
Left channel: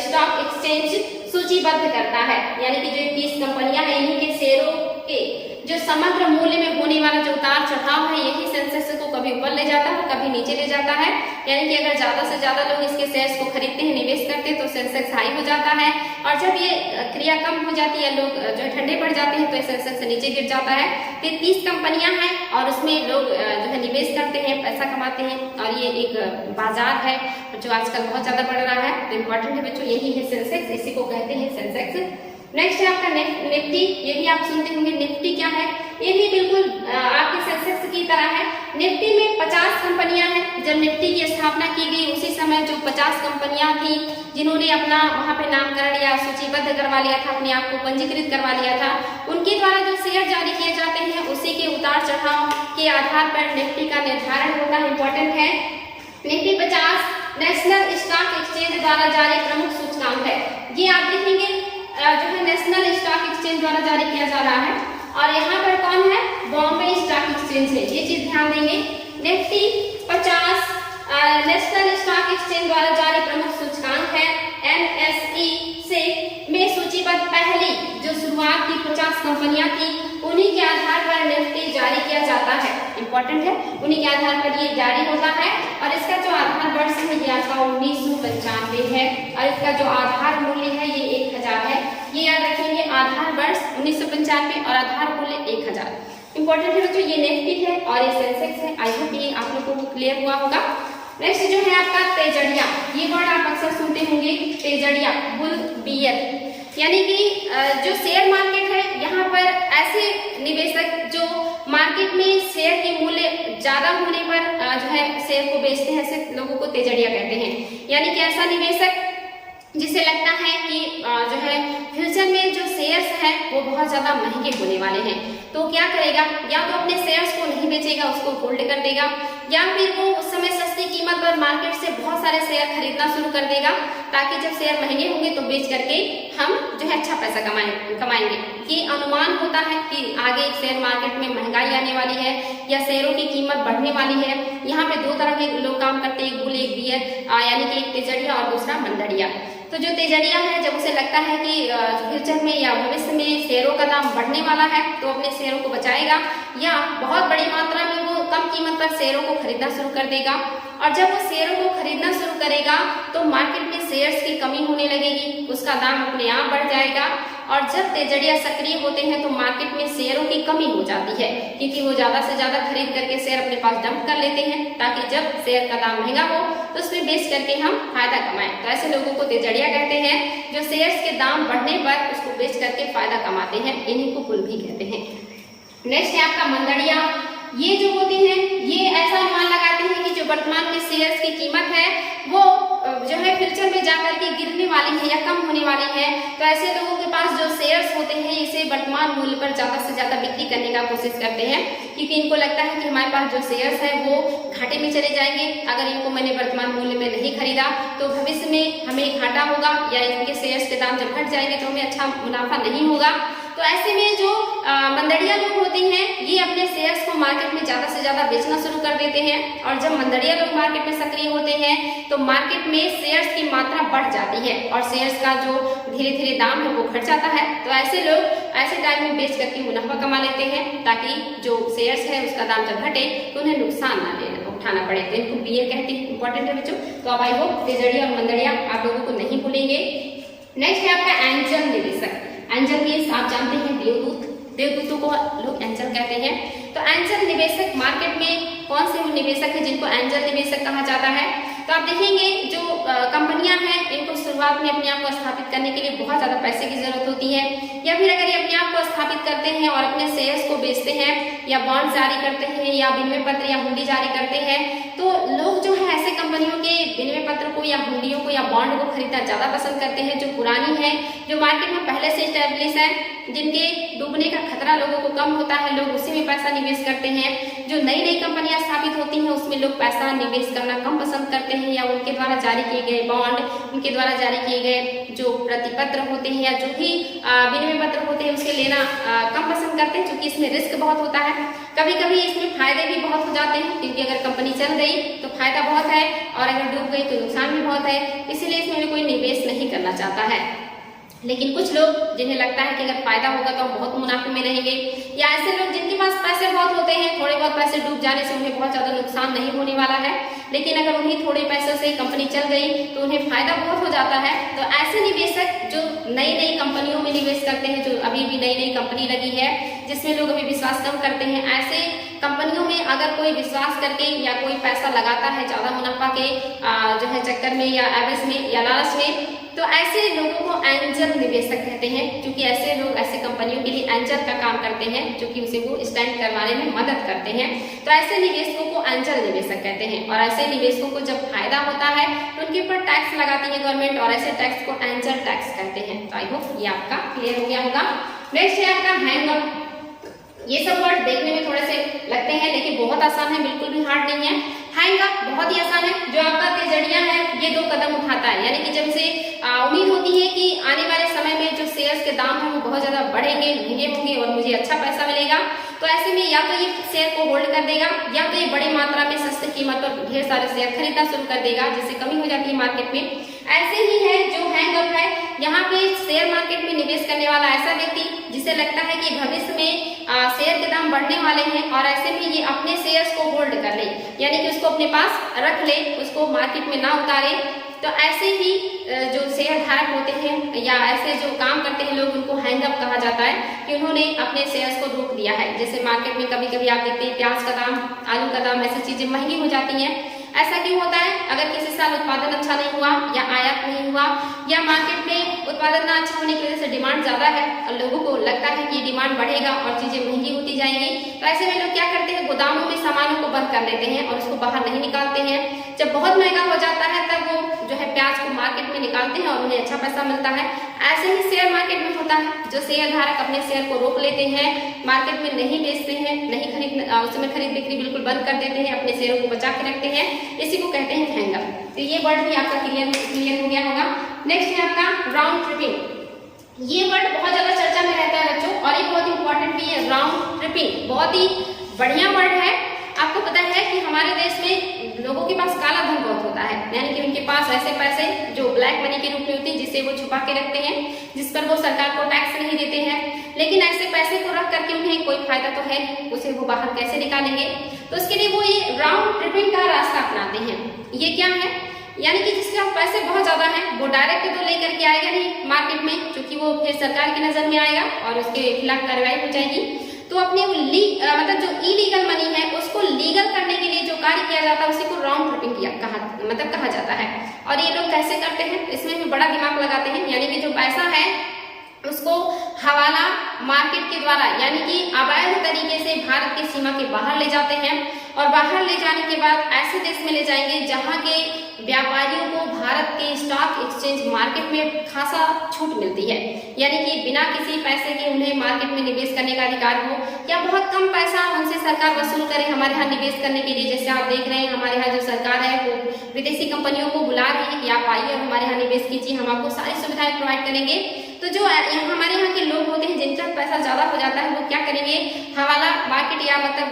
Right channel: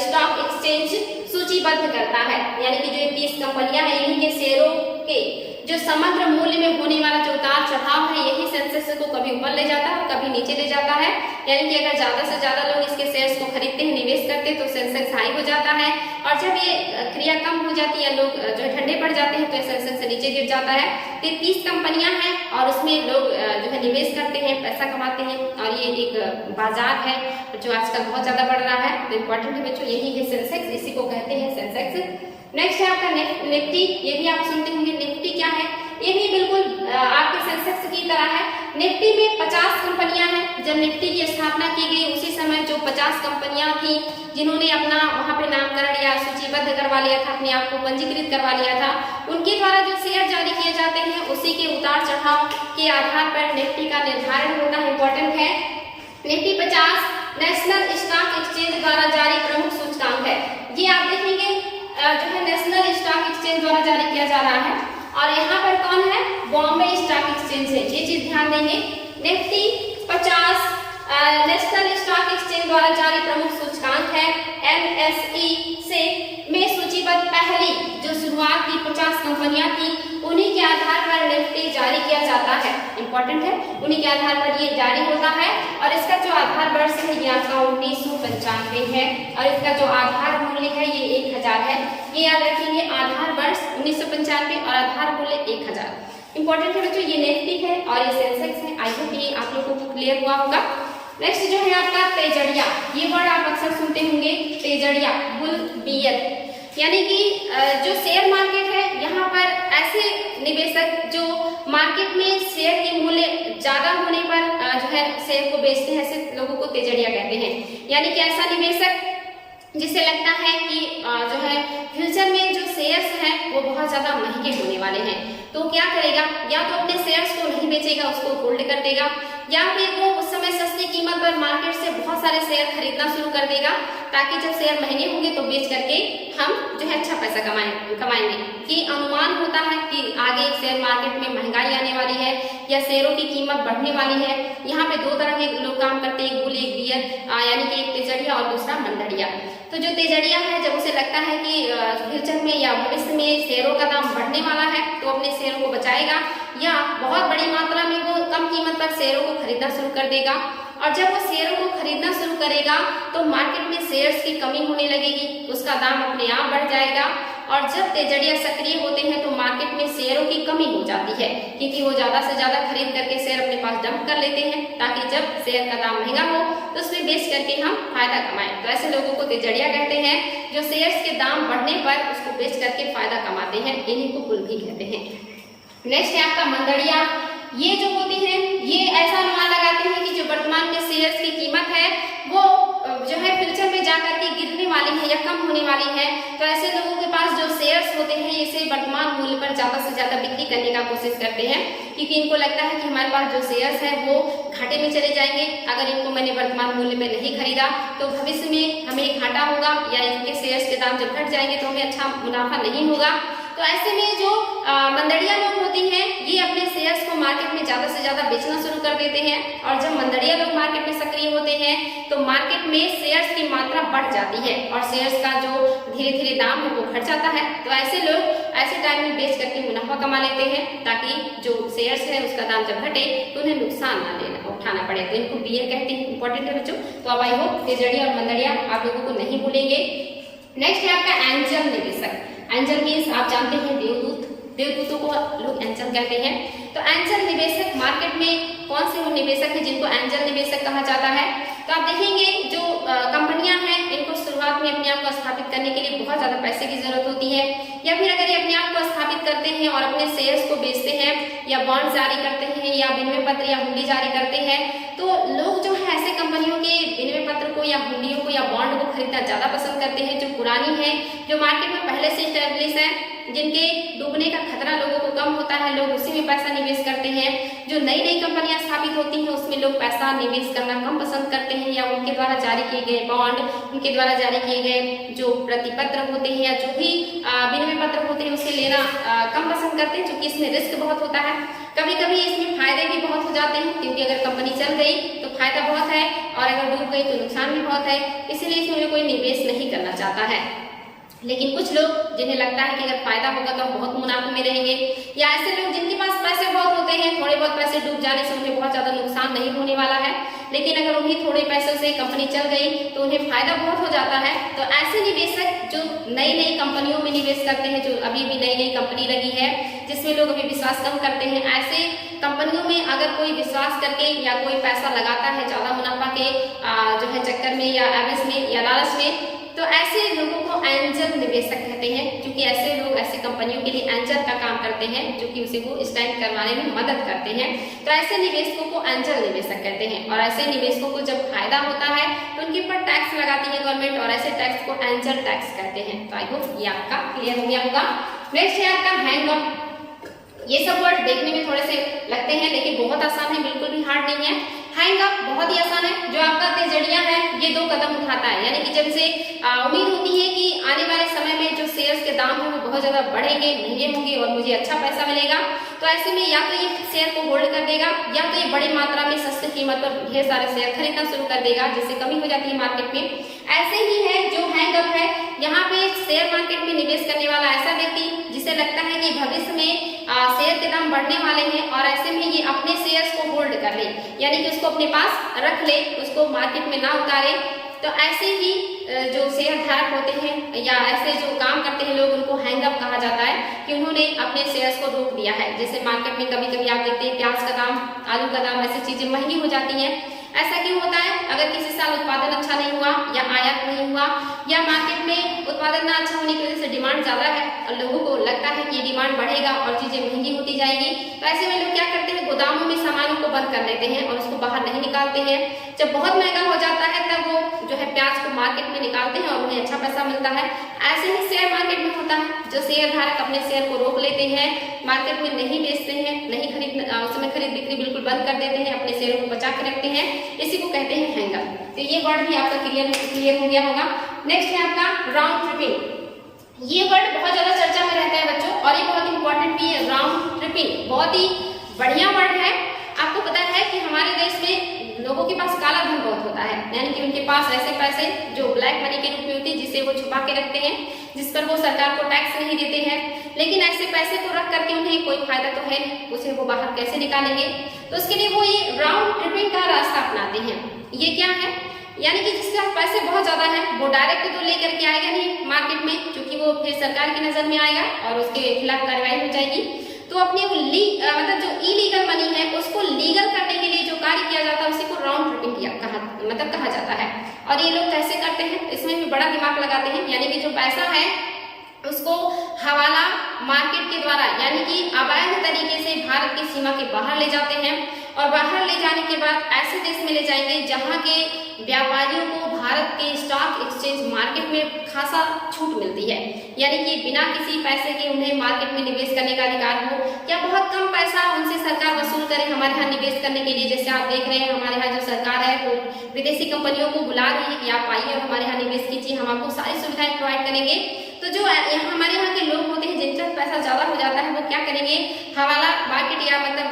स्टॉक एक्सचेंज सूचीबद्ध करता है। यानी कि जो 30 कंपनियां हैं इन्हीं के शेयरों के जो समग्र मूल्य में होने वाला जो उतार चढ़ाव है यही सेंसेक्स को कभी ऊपर ले जाता है कभी नीचे ले जाता है। यानी कि अगर ज्यादा से ज्यादा लोग इसके शेयर्स को खरीदते हैं, निवेश करते हैं तो सेंसेक्स हाई हो जाता है और जब ये क्रिया कम हो जाती है, लोग जो ठंडे पड़ जाते हैं तो सेंसेक्स नीचे गिर जाता है। तो 30 कंपनियां हैं और उसमें लोग जो है निवेश करते हैं, पैसा कमाते हैं और ये एक बाजार है जो आजकल बहुत ज्यादा बढ़ रहा है। तो इम्पोर्टेंट है बच्चों, यही है सेंसेक्स, इसी को कहते हैं सेंसेक्स। नेक्स्ट है आपका निफ्टी। ये भी आप सुनते होंगे, निफ्टी क्या है? ये भी बिल्कुल आपके सेंसेक्स की तरह है। निफ्टी में 50 कंपनियां हैं। जब निफ्टी की स्थापना की गई उसी समय जो 50 कंपनियां थी जिन्होंने अपना वहां पे नामकरण या सूचीबद्ध करवा लिया था, अपने आप को पंजीकृत करवा लिया था, उनके द्वारा जो शेयर जारी किए जाते हैं उसी के उतार चढ़ाव के आधार पर निफ्टी का निर्धारण होता है। इंपॉर्टेंट है। निफ्टी 50 नेशनल स्टॉक एक्सचेंज द्वारा जारी प्रमुख सूचकांक है। ये आप देखेंगे जो है नेशनल स्टॉक एक्सचेंज द्वारा जारी किया जा रहा है और यहाँ पर कौन है? बॉम्बे स्टॉक एक्सचेंज है। ये चीज ध्यान देंगे। निफ्टी 50 नेशनल स्टॉक एक्सचेंज द्वारा जारी प्रमुख सूचकांक है। NSE से में सूचीबद्ध पहली जो शुरुआत की 50 कंपनियां थी उन्हीं के आधार पर निफ्टी जारी किया जाता है। इंपॉर्टेंट है, उन्हीं के आधार पर ये जारी होता है और इसका जो आधार वर्ष है ये आपका 1995 है और इसका जो आधार मूल्य है ये 1000 है। ये याद रखेंगे, आधार वर्ष 1995 और आधार मूल्य 1000। इंपॉर्टेंट है बच्चों, ये निफ्टी है और ये सेंसेक्स है। आई होप ये आप लोगों को क्लियर हुआ होगा। नेक्स्ट जो है आपका तेजड़िया। ये वर्ड आप अक्सर सुनते होंगे, तेजड़िया, बुल बियर। यानी कि जो शेयर मार्केट है यहाँ पर ऐसे निवेशक जो मार्केट में शेयर के मूल्य ज्यादा होने पर जो है शेयर को बेचते हैं, ऐसे लोगों को तेजड़िया कहते हैं। यानी कि ऐसा निवेशक जिसे लगता है कि जो है फ्यूचर में जो शेयर्स हैं वो बहुत ज्यादा महंगे होने वाले हैं, तो क्या करेगा? या तो अपने शेयर्स को नहीं बेचेगा, उसको होल्ड कर देगा, या फिर वो उस समय सस्ती कीमत पर मार्केट से बहुत सारे शेयर खरीदना शुरू कर देगा ताकि जब शेयर महंगे होंगे तो बेच करके हम जो है अच्छा पैसा कमाएंगे। ये अनुमान होता है कि आगे शेयर मार्केट में महंगाई आने वाली है या शेयरों की कीमत बढ़ने वाली है। यहाँ पे दो तरह के लोग काम करते हैं, एक बुल एक बियर, यानी कि एक तेजड़िया और दूसरा मंदड़िया। तो जो तेजड़िया है जब उसे लगता है कि फ्यूचर में या भविष्य में शेयरों का दाम बढ़ने वाला है तो अपने शेयरों को बचाएगा या बहुत बड़ी मात्रा में वो कम कीमत पर शेयरों को खरीदना शुरू कर देगा। और जब वो शेयरों को खरीदना शुरू करेगा तो मार्केट में शेयर्स की कमी होने लगेगी, उसका दाम अपने आप बढ़ जाएगा। और जब तेजड़िया सक्रिय होते हैं तो मार्केट में शेयरों की कमी हो जाती है क्योंकि वो ज्यादा से ज्यादा खरीद करके शेयर अपने पास डंप कर लेते हैं ताकि जब शेयर का दाम महंगा हो तो उसमें बेच करके हम फायदा कमाएं। तो ऐसे लोगों को तेजड़िया कहते हैं जो शेयर्स के दाम बढ़ने पर उसको बेच करके फायदा कमाते हैं, इन्हीं को बुल भी कहते हैं। नेक्स्ट है आपका मंदड़िया। ये जो होती है ये ऐसा अनुमान लगाते हैं कि जो वर्तमान में शेयर्स की कीमत है वो जो है फ्यूचर में जाकर के गिरने वाली है या कम होने वाली है। तो ऐसे लोगों के पास जो शेयर्स होते हैं इसे वर्तमान मूल्य पर ज्यादा से ज्यादा बिक्री करने का कोशिश करते हैं क्योंकि इनको लगता है कि हमारे पास जो शेयर्स है वो घाटे में चले जाएंगे। अगर इनको मैंने वर्तमान मूल्य में नहीं खरीदा तो भविष्य में हमें घाटा होगा या इनके शेयर्स के दाम जब घट जाएंगे तो हमें अच्छा मुनाफा नहीं होगा। तो ऐसे में जो मंदड़िया लोग होते हैं ये अपने शेयर्स को मार्केट में ज्यादा से ज्यादा बेचना शुरू कर देते हैं, और जब मंदड़िया लोग मार्केट में सक्रिय होते हैं तो मार्केट में शेयर्स की मात्रा बढ़ जाती है और शेयर्स का जो धीरे धीरे दाम है वो घट जाता है। तो ऐसे लोग ऐसे टाइम में बेच करके मुनाफा कमा लेते हैं, ताकि जो शेयर्स है उसका दाम जब घटे तो उन्हें नुकसान ना लेना उठाना पड़े। तो इनको बीए कहते हैं, इंपॉर्टेंट है बच्चों। तो अब आई होप तेजड़िया और मंदड़िया आप लोगों को नहीं भूलेंगे। नेक्स्ट है आपका एंजल निवेशक। एंजल मीन्स आप जानते हैं देवदूत, देवदूतों को लोग एंजल कहते हैं। तो एंजल निवेशक मार्केट में कौन से निवेशक हैं जिनको एंजल निवेशक कहा जाता है? तो आप देखेंगे जो कंपनियां हैं इनको शुरुआत में अपने आप को स्थापित करने के लिए बहुत ज्यादा पैसे की जरूरत होती है, या फिर अगर ये अपने आप को स्थापित करते हैं और अपने शेयर्स को बेचते हैं या बॉन्ड जारी करते हैं या विनिमय पत्र या हुंडी जारी करते हैं, तो लोग जो है ऐसे कंपनियों के विनिमय पत्र को या हुंडियों को या बॉन्ड को खरीदना ज्यादा पसंद करते हैं, जो पुरानी है, जो मार्केट में पहले से स्टेब्लिश है, जिनके डूबने का खतरा लोगों को कम होता है, लोग उसी में पैसा निवेश करते हैं। जो नई नई कंपनियां स्थापित होती हैं उसमें लोग पैसा निवेश करना कम पसंद करते हैं, या उनके द्वारा जारी किए गए बॉन्ड, उनके द्वारा जारी किए गए जो प्रतिपत्र होते हैं या जो भी विनिमय पत्र होते हैं उसे लेना कम पसंद करते हैं, क्योंकि इसमें रिस्क बहुत होता है। कभी कभी इसमें फायदे भी बहुत हो जाते हैं, क्योंकि अगर कंपनी चल गई तो फायदा बहुत है और अगर डूब गई तो नुकसान भी बहुत है, इसीलिए इसमें कोई निवेश नहीं करना चाहता है। लेकिन कुछ लोग जिन्हें लगता है कि अगर फायदा होगा तो हम बहुत मुनाफे में रहेंगे, या ऐसे लोग जिनके पास पैसे बहुत होते हैं, थोड़े बहुत पैसे डूब जाने से उन्हें बहुत ज्यादा नुकसान नहीं होने वाला है, लेकिन अगर उन्हीं थोड़े पैसों से कंपनी चल गई तो उन्हें फायदा बहुत हो जाता है। तो ऐसे निवेशक जो नई नई कंपनियों में निवेश करते हैं, जो अभी भी नई नई कंपनी लगी है जिसमें लोग अभी विश्वास कम करते हैं, ऐसे कंपनियों में अगर कोई विश्वास करके या कोई पैसा लगाता है ज्यादा मुनाफा के जो है चक्कर में या एवज में या लालच में, तो ऐसे लोगों को एंजल निवेशक कहते हैं, क्योंकि ऐसे लोग ऐसे कंपनियों के लिए एंजल का काम करते हैं, जो कि उसे वो स्टैंड करवाने में मदद करते हैं। तो ऐसे निवेशकों को एंजल निवेशक कहते हैं, और ऐसे निवेशकों को जब फायदा होता है तो उनके ऊपर टैक्स लगाती है गवर्नमेंट, और ऐसे टैक्स को एंजल टैक्स कहते हैं। तो आई होप ये आपका क्लियर हो गया होगा। नेक्स्ट है आपका हैंग अप। ये सब वर्ड देखने में थोड़े से लगते हैं लेकिन बहुत आसान है, बिल्कुल भी हार्ड नहीं है। हैंग अप बहुत ही आसान है। जो आपका तेजड़िया है ये 2 कदम उठाता है, यानी कि जब इसे उम्मीद होती है कि आने वाले समय में जो शेयर्स के दाम है वो बहुत ज्यादा बढ़ेंगे, महंगे होंगे और मुझे अच्छा पैसा मिलेगा, तो ऐसे में या तो ये शेयर को होल्ड कर देगा या तो ये बड़ी मात्रा में सस्ती कीमत पर ढेर सारे शेयर खरीदना शुरू कर देगा, जिससे कमी हो जाती है मार्केट में। ऐसे ही है जो हैंग अप है, यहाँ पे शेयर मार्केट में निवेश करने वाला ऐसा व्यक्ति जिसे लगता है कि भविष्य में शेयर के दाम बढ़ने वाले हैं, और ऐसे में ये अपने शेयर्स को होल्ड कर ले, यानी कि उसको अपने पास रख ले, उसको मार्केट में ना उतारे। तो ऐसे ही जो शेयर धारक होते हैं या ऐसे जो काम करते हैं लोग, उनको हैंग अप कहा जाता है कि उन्होंने अपने शेयर्स को रोक दिया है। जैसे मार्केट में कभी कभी आप देखते हैं प्याज का दाम, आलू का दाम, ऐसी चीजें महंगी हो जाती हैं। ऐसा क्यों होता है? अगर किसी साल उत्पादन अच्छा नहीं हुआ या आयात नहीं हुआ, या मार्केट में उत्पादन ना अच्छा होने की वजह से डिमांड ज्यादा है और लोगों को लगता है कि डिमांड बढ़ेगा और चीजें महंगी होती जाएंगी, तो ऐसे में लोग क्या करते हैं, गोदामों में सामानों को बंद कर लेते हैं और उसको बाहर नहीं निकालते हैं। जब बहुत महंगा हो जाता है तब वो जो है प्याज को मार्केट में निकालते हैं और उन्हें अच्छा पैसा मिलता है। ऐसे ही शेयर मार्केट में होता है, जो शेयर धारक अपने शेयर को रोक लेते हैं, मार्केट में नहीं बेचते हैं, नहीं उसमें खरीद बिक्री बिल्कुल बंद कर देते हैं, अपने शेयरों को बचा के रखते हैं, इसी को कहते हैं हैंग अप। तो ये वर्ड भी आपका क्लियर हो गया होगा। नेक्स्ट है आपका राउंड ट्रिपिंग। ये वर्ड बहुत ज्यादा चर्चा में रहता है बच्चों, और ये बहुत इंपॉर्टेंट भी है। राउंड ट्रिपिंग बहुत ही बढ़िया वर्ड है। आपको पता है कि हमारे देश में लोगों के पास काला धन बहुत होता है, यानी कि उनके पास ऐसे पैसे जो ब्लैक मनी के रूप में होती है, जिसे वो छुपा के रखते हैं, जिस पर वो सरकार को टैक्स नहीं देते हैं। लेकिन ऐसे पैसे को रख करके उन्हें कोई फायदा तो है, उसे वो बाहर कैसे निकालेंगे? तो उसके लिए वो ये राउंड ट्रिपिंग का रास्ता अपनाते हैं। ये क्या है? यानी कि जिसके पास पैसे बहुत ज्यादा हैं वो डायरेक्ट तो लेकर के आएगा नहीं मार्केट में, क्योंकि वो फिर सरकार की नजर में आएगा और उसके खिलाफ कार्रवाई हो जाएगी। तो अपने मतलब जो इलीगल मनी है उसको लीगल करने के लिए जो कार्य किया जाता है उसी को राउंड ट्रिपिंग कहा जाता है। और ये लोग कैसे करते हैं, इसमें भी बड़ा दिमाग लगाते हैं। यानी कि जो पैसा है उसको हवाला मार्केट के द्वारा, यानी कि अवैध तरीके से भारत की सीमा के बाहर ले जाते हैं, और बाहर ले जाने के बाद ऐसे देश में ले जाएंगे जहां के व्यापारियों को भारत के स्टॉक एक्सचेंज मार्केट में खासा छूट मिलती है, यानी कि बिना किसी पैसे के उन्हें मार्केट में निवेश करने का अधिकार हो, या बहुत कम पैसा उनसे सरकार वसूल करे हमारे यहाँ निवेश करने के लिए। जैसे आप देख रहे हैं हमारे यहाँ जो सरकार है वो विदेशी कंपनियों को बुला रही है कि आप आइए और हमारे यहाँ निवेश कीजिए, हम आपको सारी सुविधाएं प्रोवाइड करेंगे। तो जो यहाँ हमारे यहाँ के लोग होते हैं जिनका पैसा ज़्यादा हो जाता है, वो क्या करेंगे, हवाला मार्केट या मतलब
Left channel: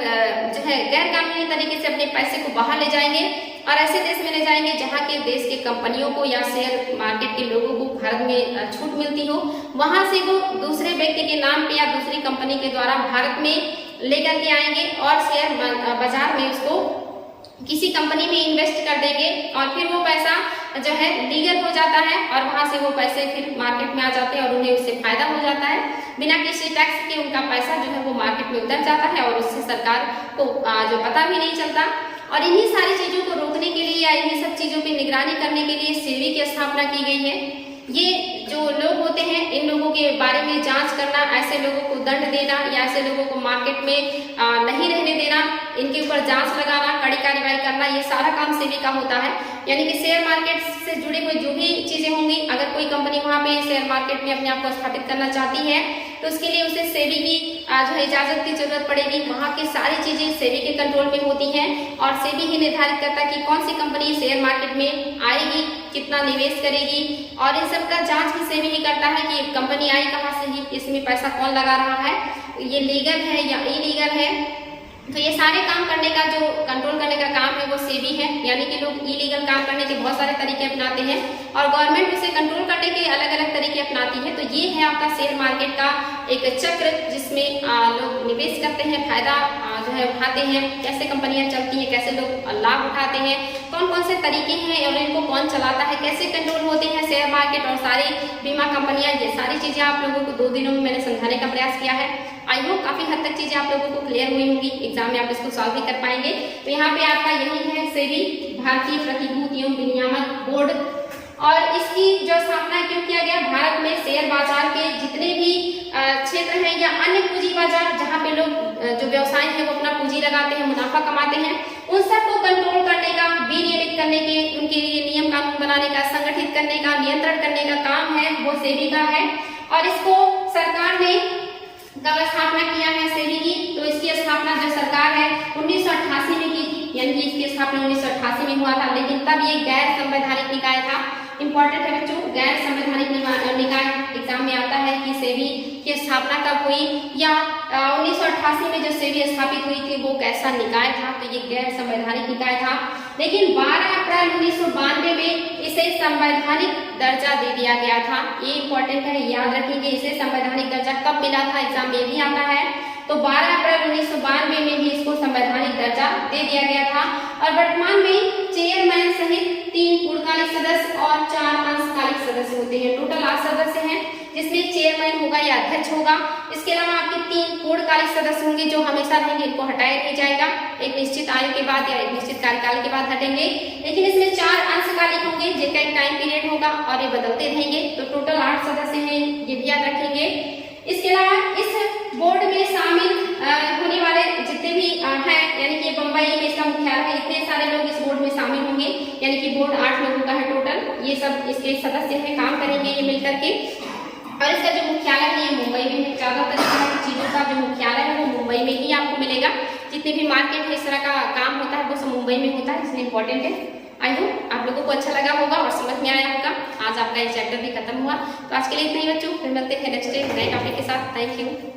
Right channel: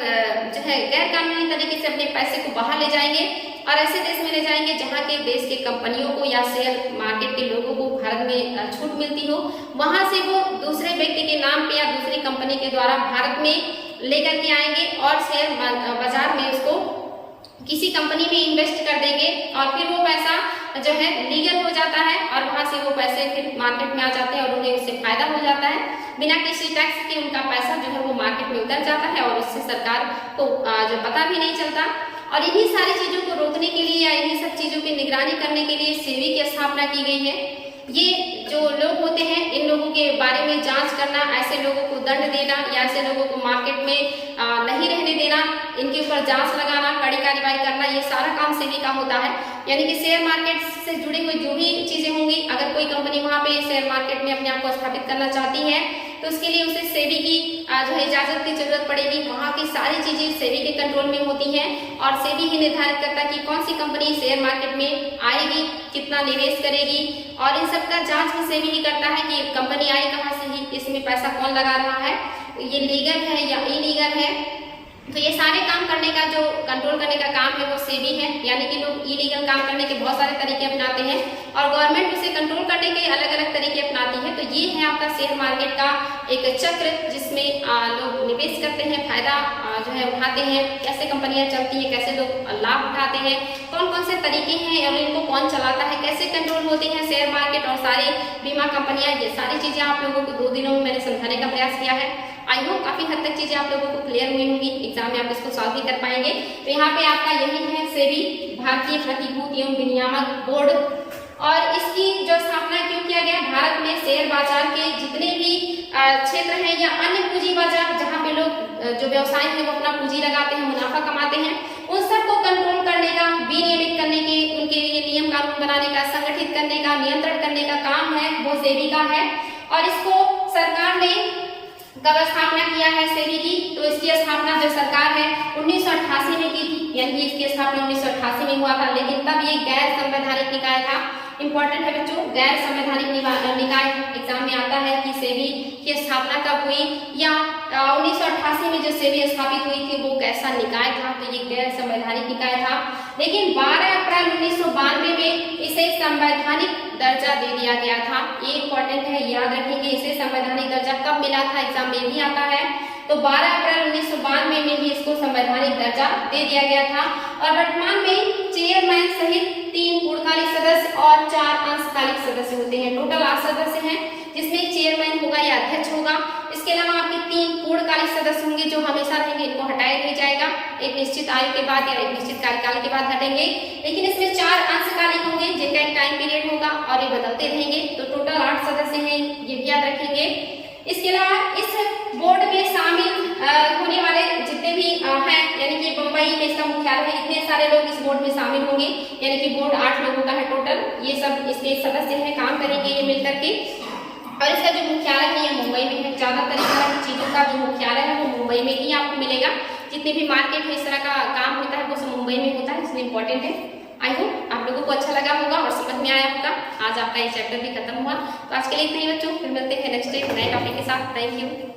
जो है गैर कानूनी तरीके से अपने पैसे को बाहर ले जाएंगे और ऐसे देश में ले जाएंगे जहाँ के देश के कंपनियों को या शेयर मार्केट के लोगों को भारत में छूट मिलती हो, वहाँ से वो दूसरे व्यक्ति के नाम पे या दूसरी कंपनी के द्वारा भारत में लेकर के आएंगे और शेयर बाजार में उसको किसी कंपनी में इन्वेस्ट कर देंगे और फिर वो पैसा जो है लीगल हो जाता है और वहां से वो पैसे फिर मार्केट में आ जाते हैं और उन्हें उससे फायदा हो जाता है। बिना किसी टैक्स के उनका पैसा जो है वो मार्केट में उतर जाता है और उससे सरकार को जो पता भी नहीं चलता। और इन्हीं सारी चीजों को रोकने के लिए या इन्हीं सब चीजों की निगरानी करने के लिए सेबी की स्थापना की गई है। ये जो लोग होते हैं इन लोगों के बारे में जांच करना, ऐसे लोगों को दंड देना या ऐसे लोगों को मार्केट में नहीं रहने देना, इनके ऊपर जांच लगाना, कड़ी कार्रवाई करना, ये सारा काम सेबी का होता है। यानी कि शेयर मार्केट से जुड़े हुए जो भी चीजें होंगी, अगर कोई कंपनी वहां पे शेयर मार्केट में अपने आप को स्थापित करना चाहती है तो उसके लिए उसे सेबी की जो है इजाजत की जरूरत पड़ेगी। वहां की सारी चीजें सेबी के कंट्रोल में होती हैं और सेबी ही निर्धारित करता है कि कौन सी कंपनी शेयर मार्केट में आएगी, कितना निवेश करेगी और इन सब का जांच भी सेबी ही करता है कि कंपनी आई कहाँ से, ही इसमें पैसा कौन लगा रहा है, ये लीगल है या इलीगल है। तो ये सारे काम करने का जो कंट्रोल करने का काम है वो सेबी है। यानी कि लोग इलीगल काम करने के बहुत सारे तरीके अपनाते हैं और गवर्नमेंट उसे कंट्रोल करने के अलग अलग तरीके अपनाती है। तो ये है आपका शेयर मार्केट का एक चक्र जिसमें लोग निवेश करते हैं, फायदा जो है उठाते हैं, कैसे कंपनियां चलती हैं, कैसे लोग लाभ उठाते हैं, कौन कौन से तरीके हैं और इनको कौन चलाता है, कैसे कंट्रोल होते हैं शेयर मार्केट और सारी बीमा कंपनियां। ये सारी चीजें आप लोगों को 2 दिनों में मैंने समझाने का प्रयास किया है। आई होप काफी हद तक चीजें आप लोगों को क्लियर हुई होंगी, एग्जाम में आप इसको सॉल्व भी कर पाएंगे। तो यहाँ पे आपका यही है सेबी, भारतीय प्रतिभूति एवं विनियामक बोर्ड, और इसकी जो स्थापना क्यों किया गया, भारत में शेयर बाजार के जितने भी क्षेत्र हैं या अन्य पूंजी बाजार जहाँ पे लोग जो व्यवसाय है वो अपना पूंजी लगाते हैं, मुनाफा कमाते हैं, उन सबको कंट्रोल करने का, विनियमित करने के, उनके लिए नियम कानून बनाने का, संगठित करने का, नियंत्रण करने का काम है वो सेबी का है। और इसको सरकार ने कब स्थापना किया है सेबी की, तो इसकी स्थापना जो सरकार है 1988 में की थी, यानी कि इसकी स्थापना 1988 में हुआ था। लेकिन तब ये गैर संवैधानिक निकाय था। इंपॉर्टेंट है बच्चों, गैर संवैधानिक निकाय एग्जाम में आता है कि सेबी की स्थापना कब हुई या 1988 में जो सेबी स्थापित हुई थी वो कैसा निकाय था, तो ये गैर संवैधानिक निकाय था। लेकिन 12 अप्रैल 1992 में इसे संवैधानिक दर्जा दे दिया गया था। ये इंपॉर्टेंट है, याद रखेंगे इसे संवैधानिक दर्जा कब मिला था, एग्जाम में भी आता है। तो 12 अप्रैल 1992 में ही इसको संवैधानिक दर्जा दे दिया गया था। और वर्तमान में चेयरमैन सहित 3 पूर्णकालिक सदस्य और 4 अंशकालिक सदस्य होते हैं। टोटल 8 सदस्य हैं जिसमें चेयरमैन होगा या अध्यक्ष होगा। इसके अलावा आपके 3 पूर्णकालिक सदस्य होंगे जो हमेशा रहेंगे, इनको हटाया नहीं जाएगा, एक निश्चित आयु के बाद या एक निश्चित कार्यकाल के बाद हटेंगे। लेकिन इसमें 4 अंशकालिक होंगे जिनका एक टाइम पीरियड होगा और ये बदलते रहेंगे। तो टोटल 8 सदस्य हैं, ये भी याद रखेंगे। इसके अलावा इस बोर्ड में शामिल होने वाले जितने भी हैं, यानी कि बंबई में इसका मुख्यालय है, इतने सारे लोग इस बोर्ड में शामिल होंगे। यानी कि बोर्ड 8 लोगों का है टोटल। ये सब इसके सदस्य हैं, काम करेंगे ये मिलकर के। और इसका जो मुख्यालय है ये मुंबई में है। ज्यादातर इस तरह की चीजों का जो मुख्यालय है वो मुंबई में ही आपको मिलेगा। जितने भी मार्केट है इस तरह का काम होता है वो सब मुंबई में होता है, इसलिए इंपॉर्टेंट है। आई होप आप लोगों को अच्छा लगा होगा और समझ में आया होगा। आज आपका ये चैप्टर भी खत्म हुआ। तो आज के लिए इतना ही बच्चों, फिर मिलते हैं नेक्स्ट डे नए टॉपिक के साथ। Thank you.